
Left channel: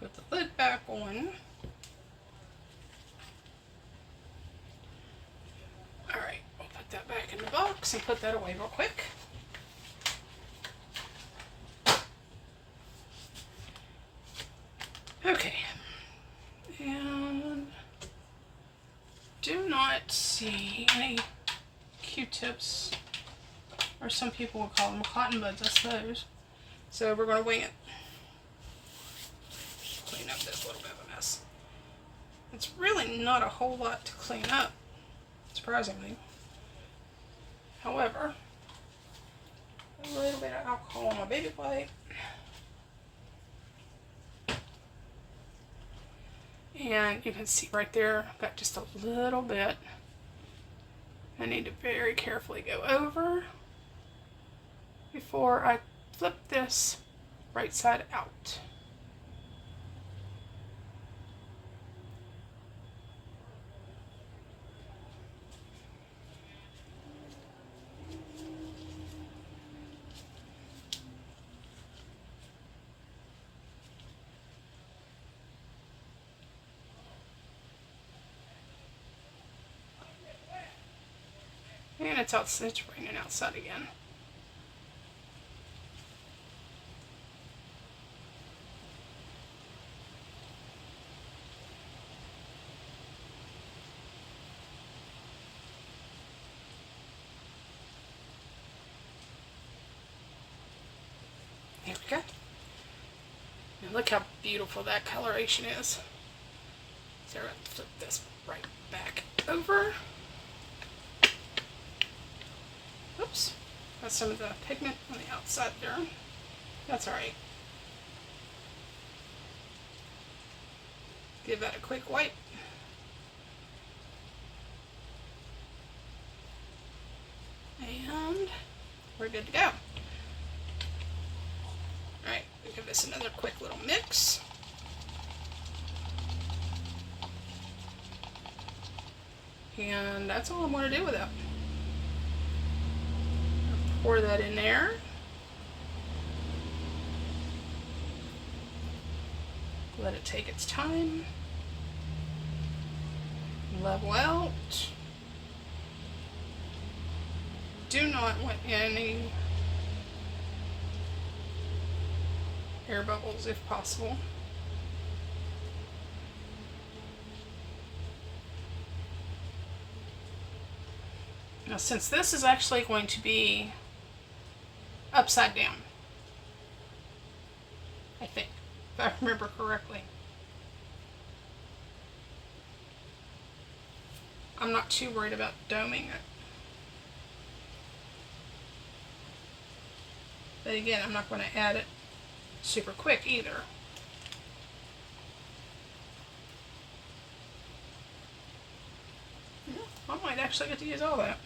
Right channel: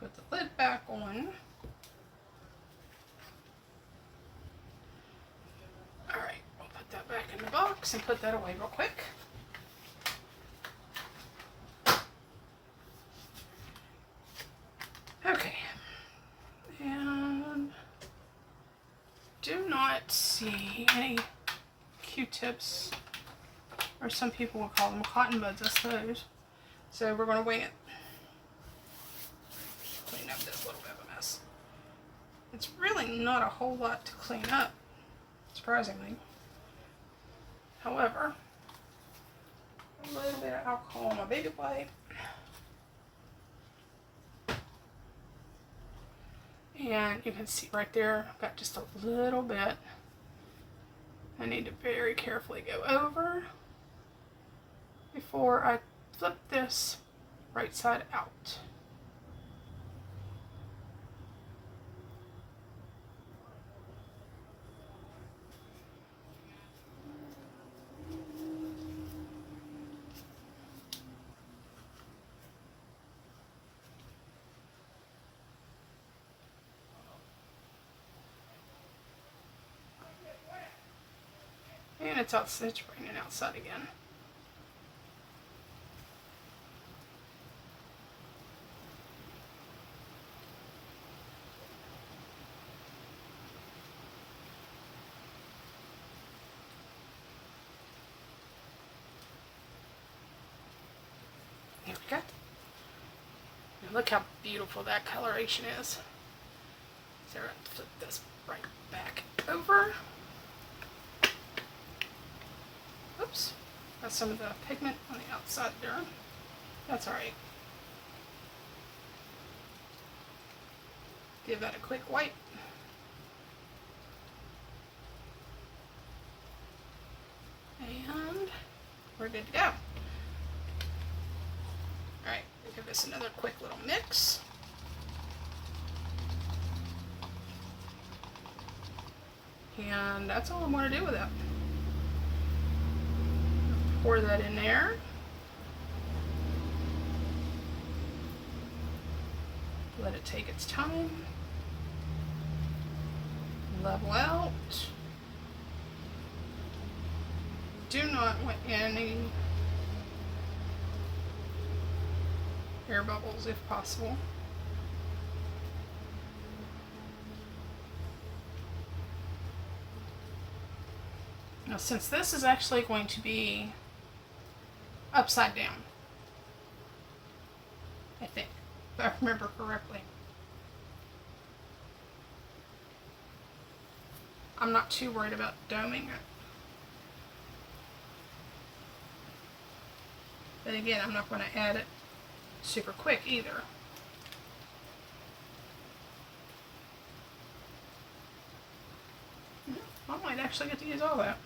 Put the lid back on. Alright, we'll put that back in the box and put that away real quick. Okay, and do not see any Q-tips, or some people will call them cotton buds, I suppose. So we're going to wing it. Clean up this little bit of a mess. It's really not a whole lot to clean up, surprisingly. However, a little bit of alcohol on my baby wipe. And you can see right there, I've got just a little bit. I need to very carefully go over before I flip this right side out. And it's raining outside again. There we go. And look how beautiful that coloration is. So we're going to flip this right back over. Oops, got some of the pigment on the outside there. That's alright. Give that a quick wipe. And we're good to go. Alright, we'll give this another quick little mix. And that's all I'm going to do with it. Pour that in there. Let it take its time. Level out. Do not want any air bubbles if possible. Now, since this is actually going to be upside down, I think, if I remember correctly. I'm not too worried about doming it. But again, I'm not going to add it super quick either. Yeah, I might actually get to use all that.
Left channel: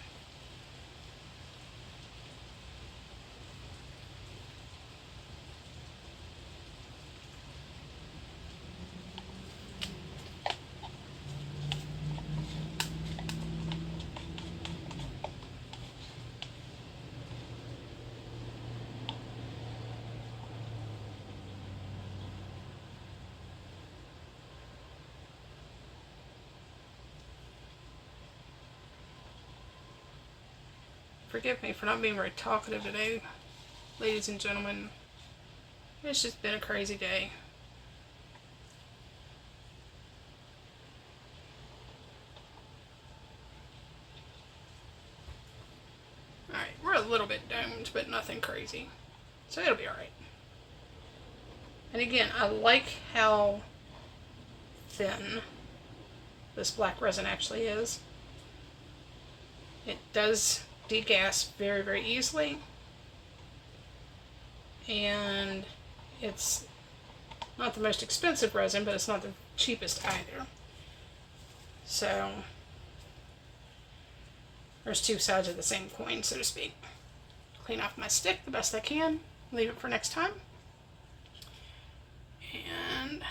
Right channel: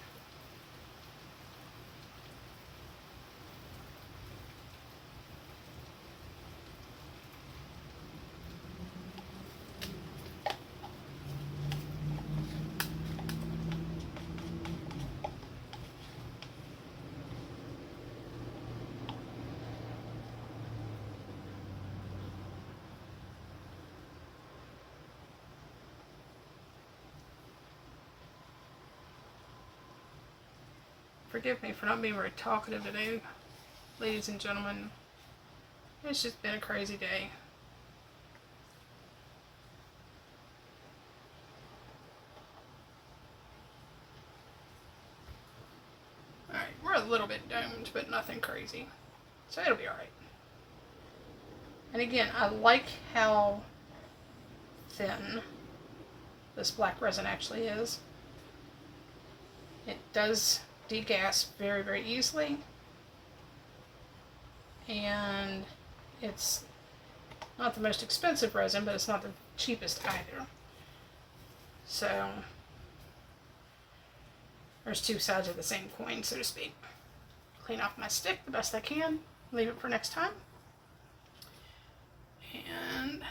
Forgive me for not being very talkative today, ladies and gentlemen. It's just been a crazy day. Alright, we're a little bit domed, but nothing crazy. So it'll be alright. And again, I like how thin this black resin actually is. It does degas very, very easily, and it's not the most expensive resin, but it's not the cheapest either. So there's two sides of the same coin, so to speak. Clean off my stick the best I can, leave it for next time, and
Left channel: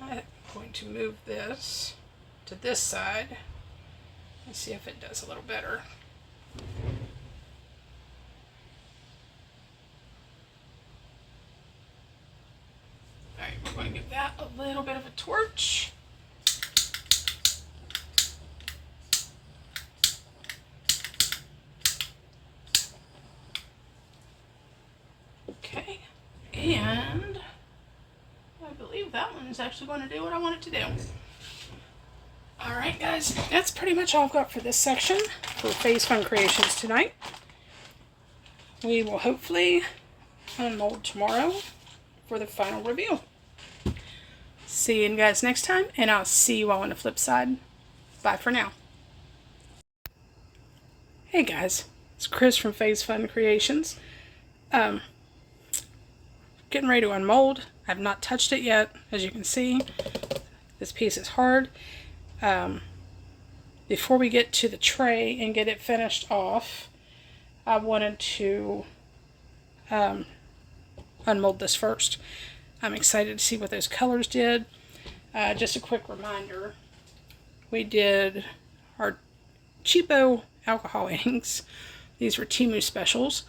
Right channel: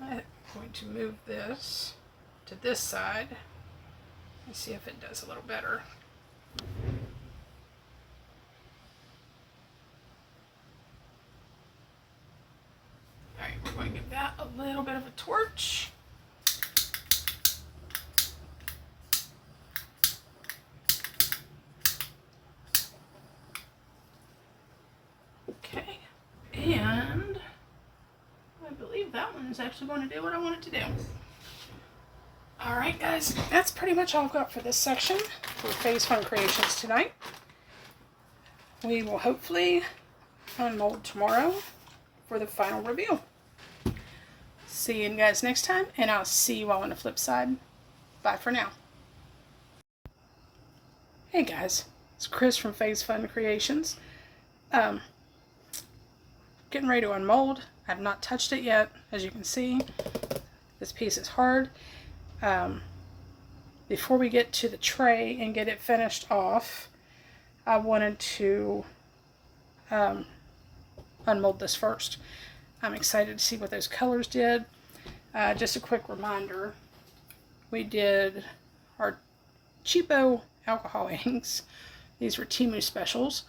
I'm going to move this to this side and see if it does a little better. Alright, we're going to give that a little bit of a torch. Okay, and I believe that one's actually going to do what I want it to do. Alright guys, that's pretty much all I've got for this section for Phase Fun Creations tonight. We will hopefully unmold tomorrow for the final review. See you guys next time, and I'll see you all on the flip side. Bye for now. Hey guys, it's Chris from Phase Fun Creations. Getting ready to unmold. I've not touched it yet, as you can see. This piece is hard. Before we get to the tray and get it finished off, I wanted to unmold this first. I'm excited to see what those colors did. Just a quick reminder, we did our cheapo alcohol inks. These were Temu specials.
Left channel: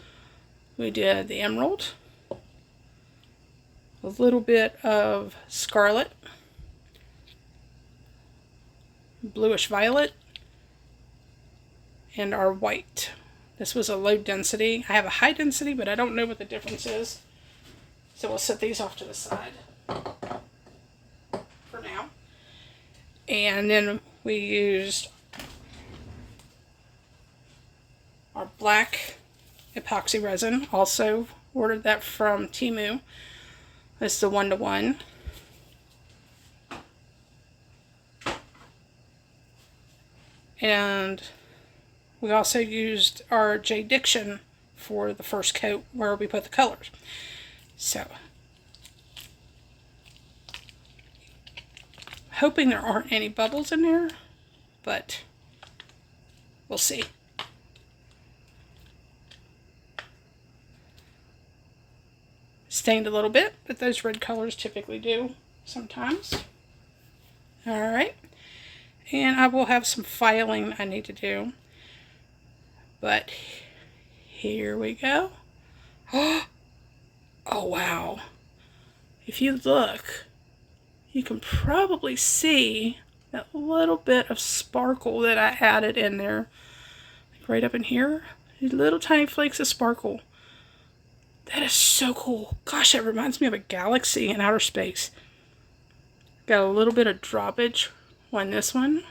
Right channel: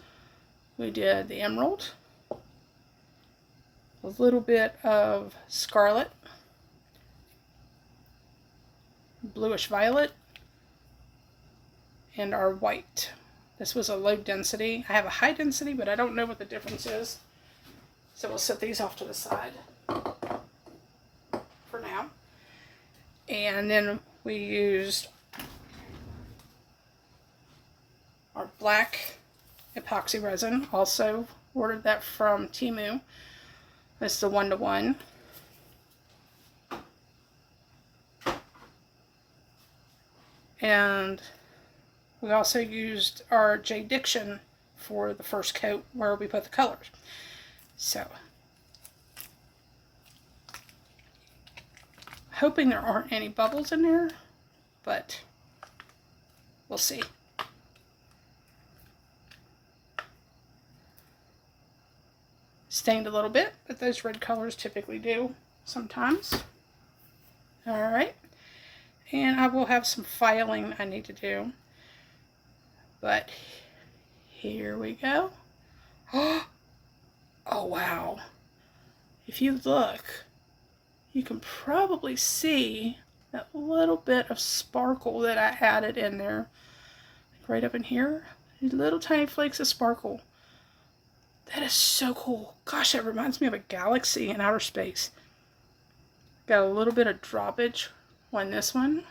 We did the emerald, a little bit of scarlet, bluish violet, and our white. This was a low density. I have a high density, but I don't know what the difference is. So we'll set these off to the side for now. And then we used our black epoxy resin. Also ordered that from Temu. It's the 1-to-1. And we also used our J Diction for the first coat where we put the colors. So, hoping there aren't any bubbles in there, but we'll see. Stained a little bit, but those red colors typically do sometimes. Alright, and I will have some filing I need to do, but here we go. Oh wow, if you look, you can probably see that little bit of sparkle that I added in there, right up in here. These little tiny flakes of sparkle. That is so cool. Gosh, that reminds me of a galaxy in outer space. Got a little bit of droppage on this one,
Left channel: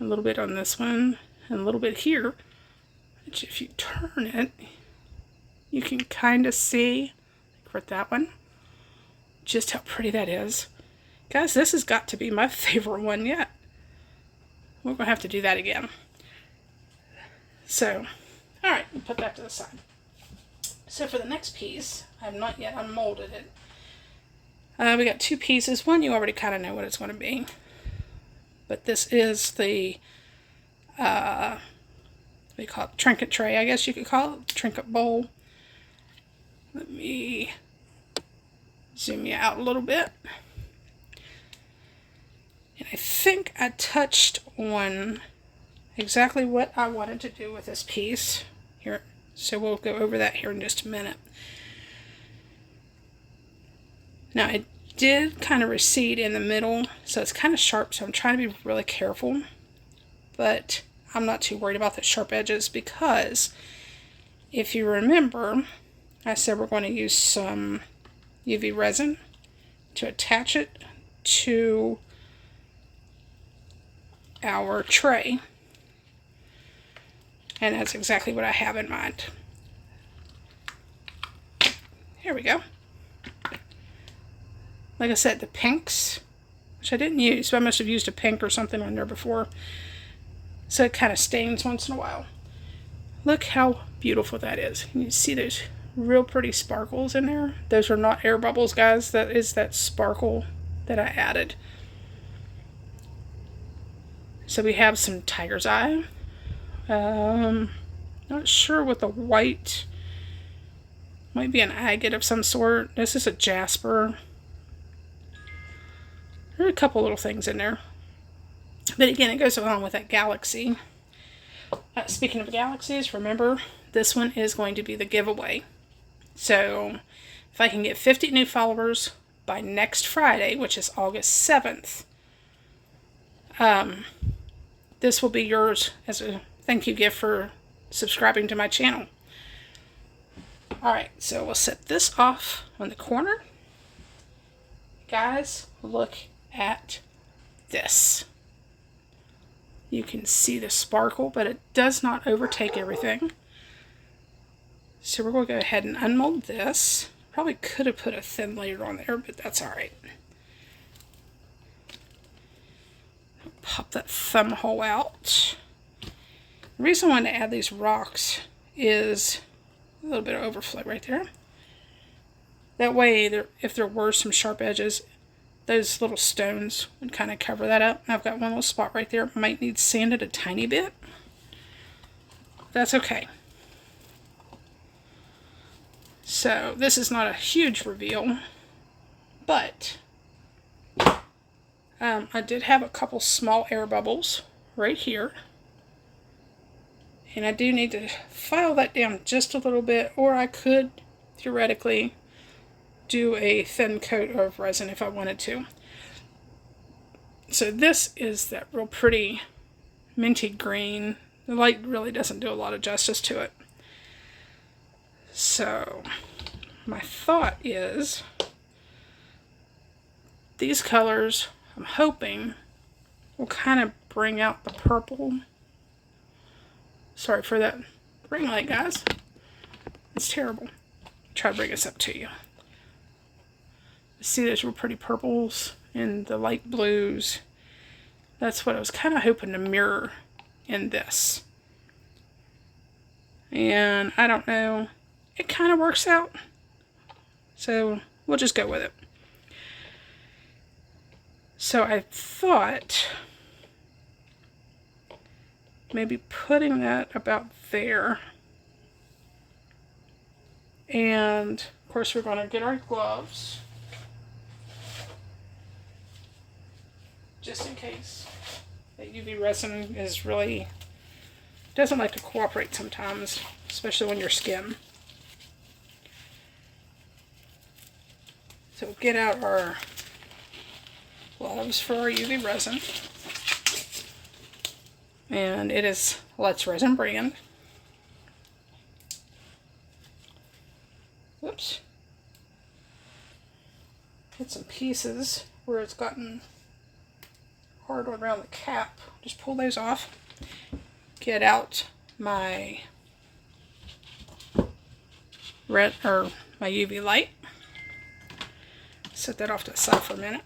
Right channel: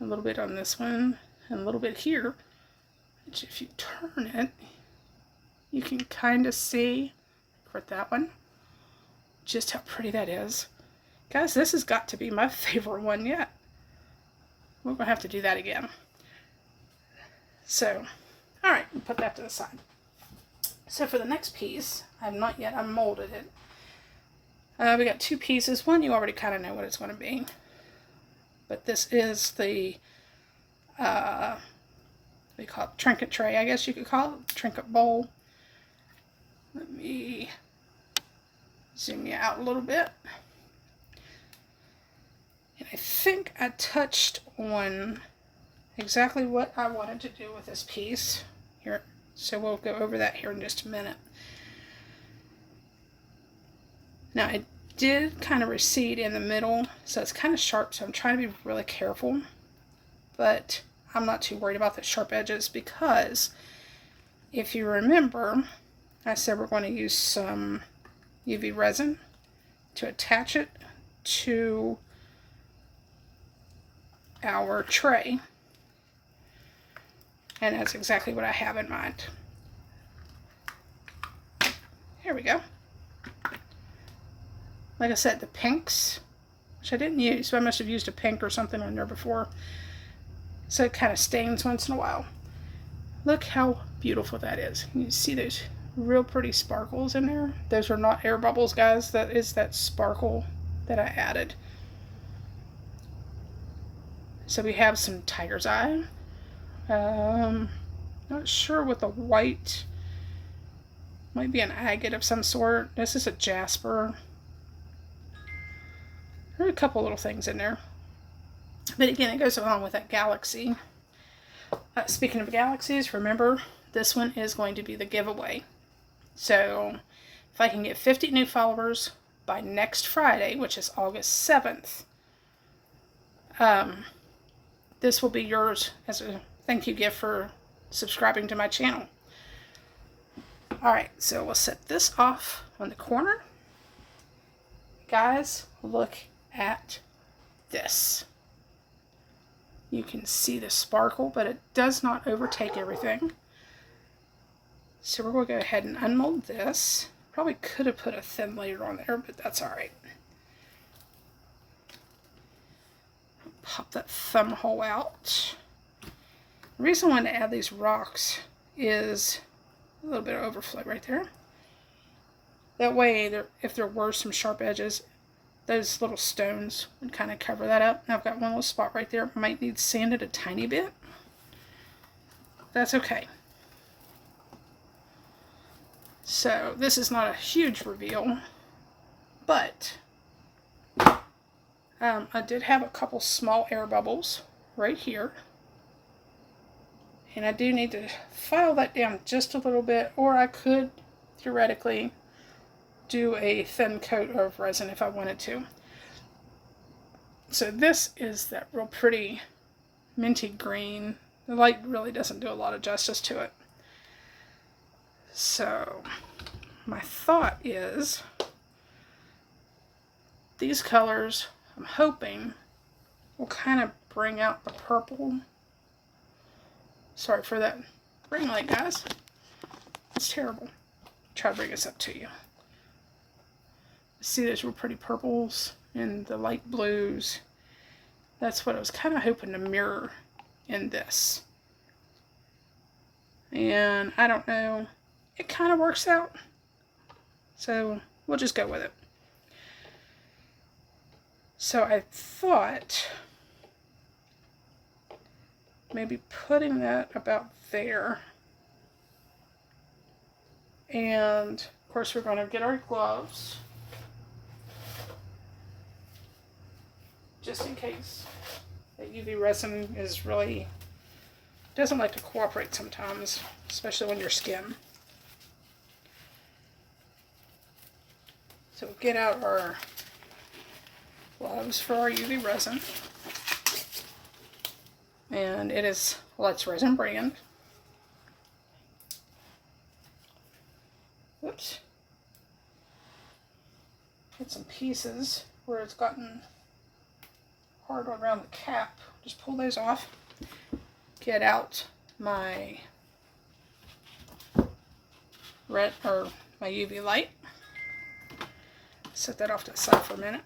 a little bit on this one, and a little bit here. Which if you turn it, you can kind of see, for that one, just how pretty that is. Guys, this has got to be my favorite one yet. We're going to have to do that again. So, alright, we'll put that to the side. So for the next piece, I have not yet unmolded it. We got two pieces. One, you already kind of know what it's going to be. But this is the, what do you call it? Trinket tray, I guess you could call it. Trinket bowl. Let me zoom you out a little bit. And I think I touched on exactly what I wanted to do with this piece. Here. So we'll go over that here in just a minute. Now it did kind of recede in the middle, so it's kind of sharp, so I'm trying to be really careful. But I'm not too worried about the sharp edges because if you remember, I said we're going to use some UV resin to attach it to our tray. And that's exactly what I have in mind. Here we go. Like I said, the pinks, which I didn't use, so I must have used a pink or something on there before. So it kind of stains once in a while. Look how beautiful that is. You see those real pretty sparkles in there? Those are not air bubbles, guys. That is that sparkle that I added. So we have some tiger's eye. Not sure what the white, might be an agate of some sort. This is a jasper. There are a couple little things in there. But again, it goes along with that galaxy. Speaking of galaxies, remember, this one is going to be the giveaway. So, if I can get 50 new followers by next Friday, which is August 7th, this will be yours as a thank you gift for subscribing to my channel. Alright, so we'll set this off on the corner. Guys, look at this. You can see the sparkle, but it does not overtake everything. So we're going to go ahead and unmold this. Probably could have put a thin layer on there, but that's alright. Pop that thumb hole out. The reason I wanted to add these rocks is a little bit of overflow right there. That way, if there were some sharp edges, those little stones would kind of cover that up. I've got one little spot right there. Might need sanded a tiny bit. That's okay. So, this is not a huge reveal, but I did have a couple small air bubbles right here. And I do need to file that down just a little bit, or I could theoretically do a thin coat of resin if I wanted to. So this is that real pretty minty green. The light really doesn't do a lot of justice to it. So my thought is these colors, I'm hoping, will kind of bring out the purple. Sorry for that ring light, guys. It's terrible. Try to bring this up to you. See those real pretty purples and the light blues. That's what I was kind of hoping to mirror in this. And I don't know. It kind of works out. So we'll just go with it. So I thought maybe putting that about there. And of course we're going to get our gloves. Just in case. That UV resin is really, doesn't like to cooperate sometimes, especially on your skin. So get out our gloves for our UV resin. And it is Let's Resin brand. Oops. Hit some pieces where it's gotten hard around the cap. Just pull those off. Get out my red or my UV light. Set that off to the side for a minute.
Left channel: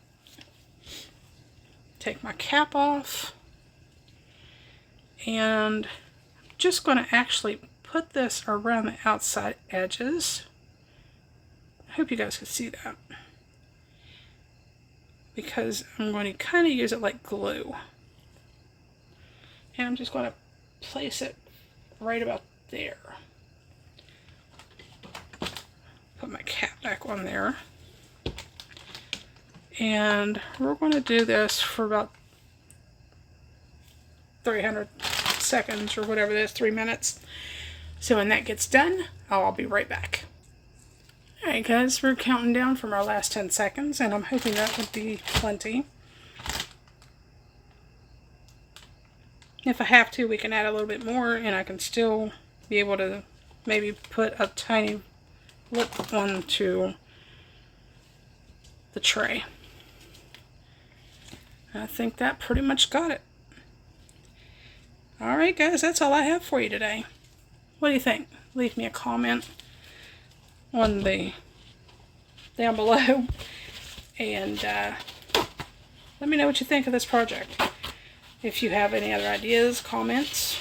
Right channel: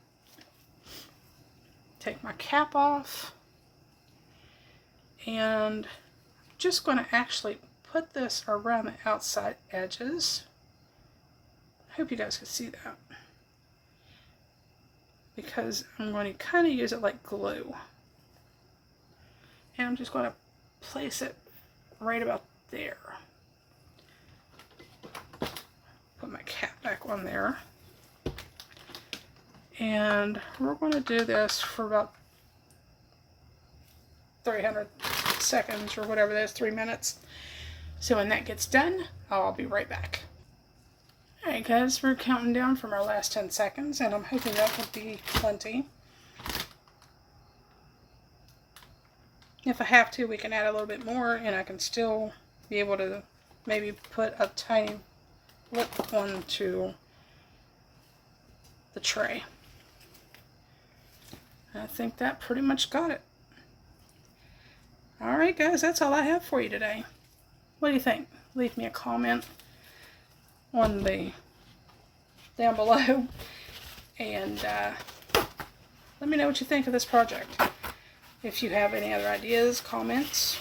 Take my cap off. And just going to actually put this around the outside edges. I hope you guys can see that. Because I'm going to kind of use it like glue. And I'm just going to place it right about there. Put my cap back on there. And we're going to do this for about 300 seconds or whatever it is, 3 minutes. So when that gets done, I'll be right back. Alright guys, we're counting down from our last 10 seconds, and I'm hoping that would be plenty. If I have to, we can add a little bit more, and I can still be able to maybe put a tiny lip onto the tray. I think that pretty much got it. Alright guys, that's all I have for you today. What do you think? Leave me a comment on the down below, and let me know what you think of this project. If you have any other ideas, comments,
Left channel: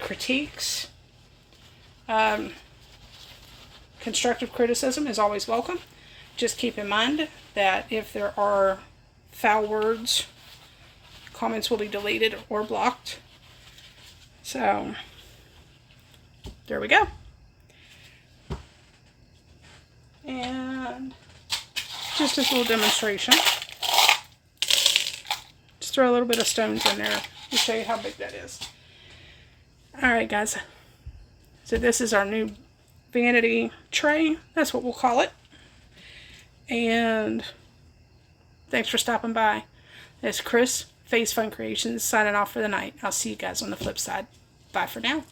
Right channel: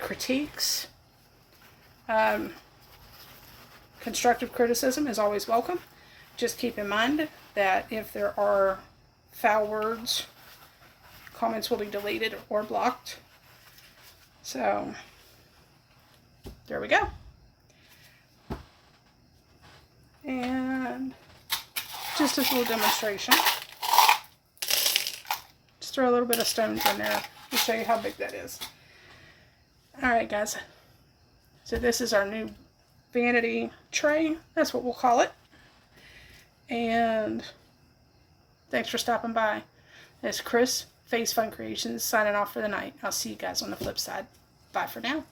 critiques, constructive criticism is always welcome. Just keep in mind that if there are foul words, comments will be deleted or blocked. So there we go. And just as a little demonstration, just throw a little bit of stones in there to show you how big that is. Alright guys, so this is our new vanity tray, that's what we'll call it. And thanks for stopping by. It's Chris, Face Fun Creations, signing off for the night. I'll see you guys on the flip side. Bye for now.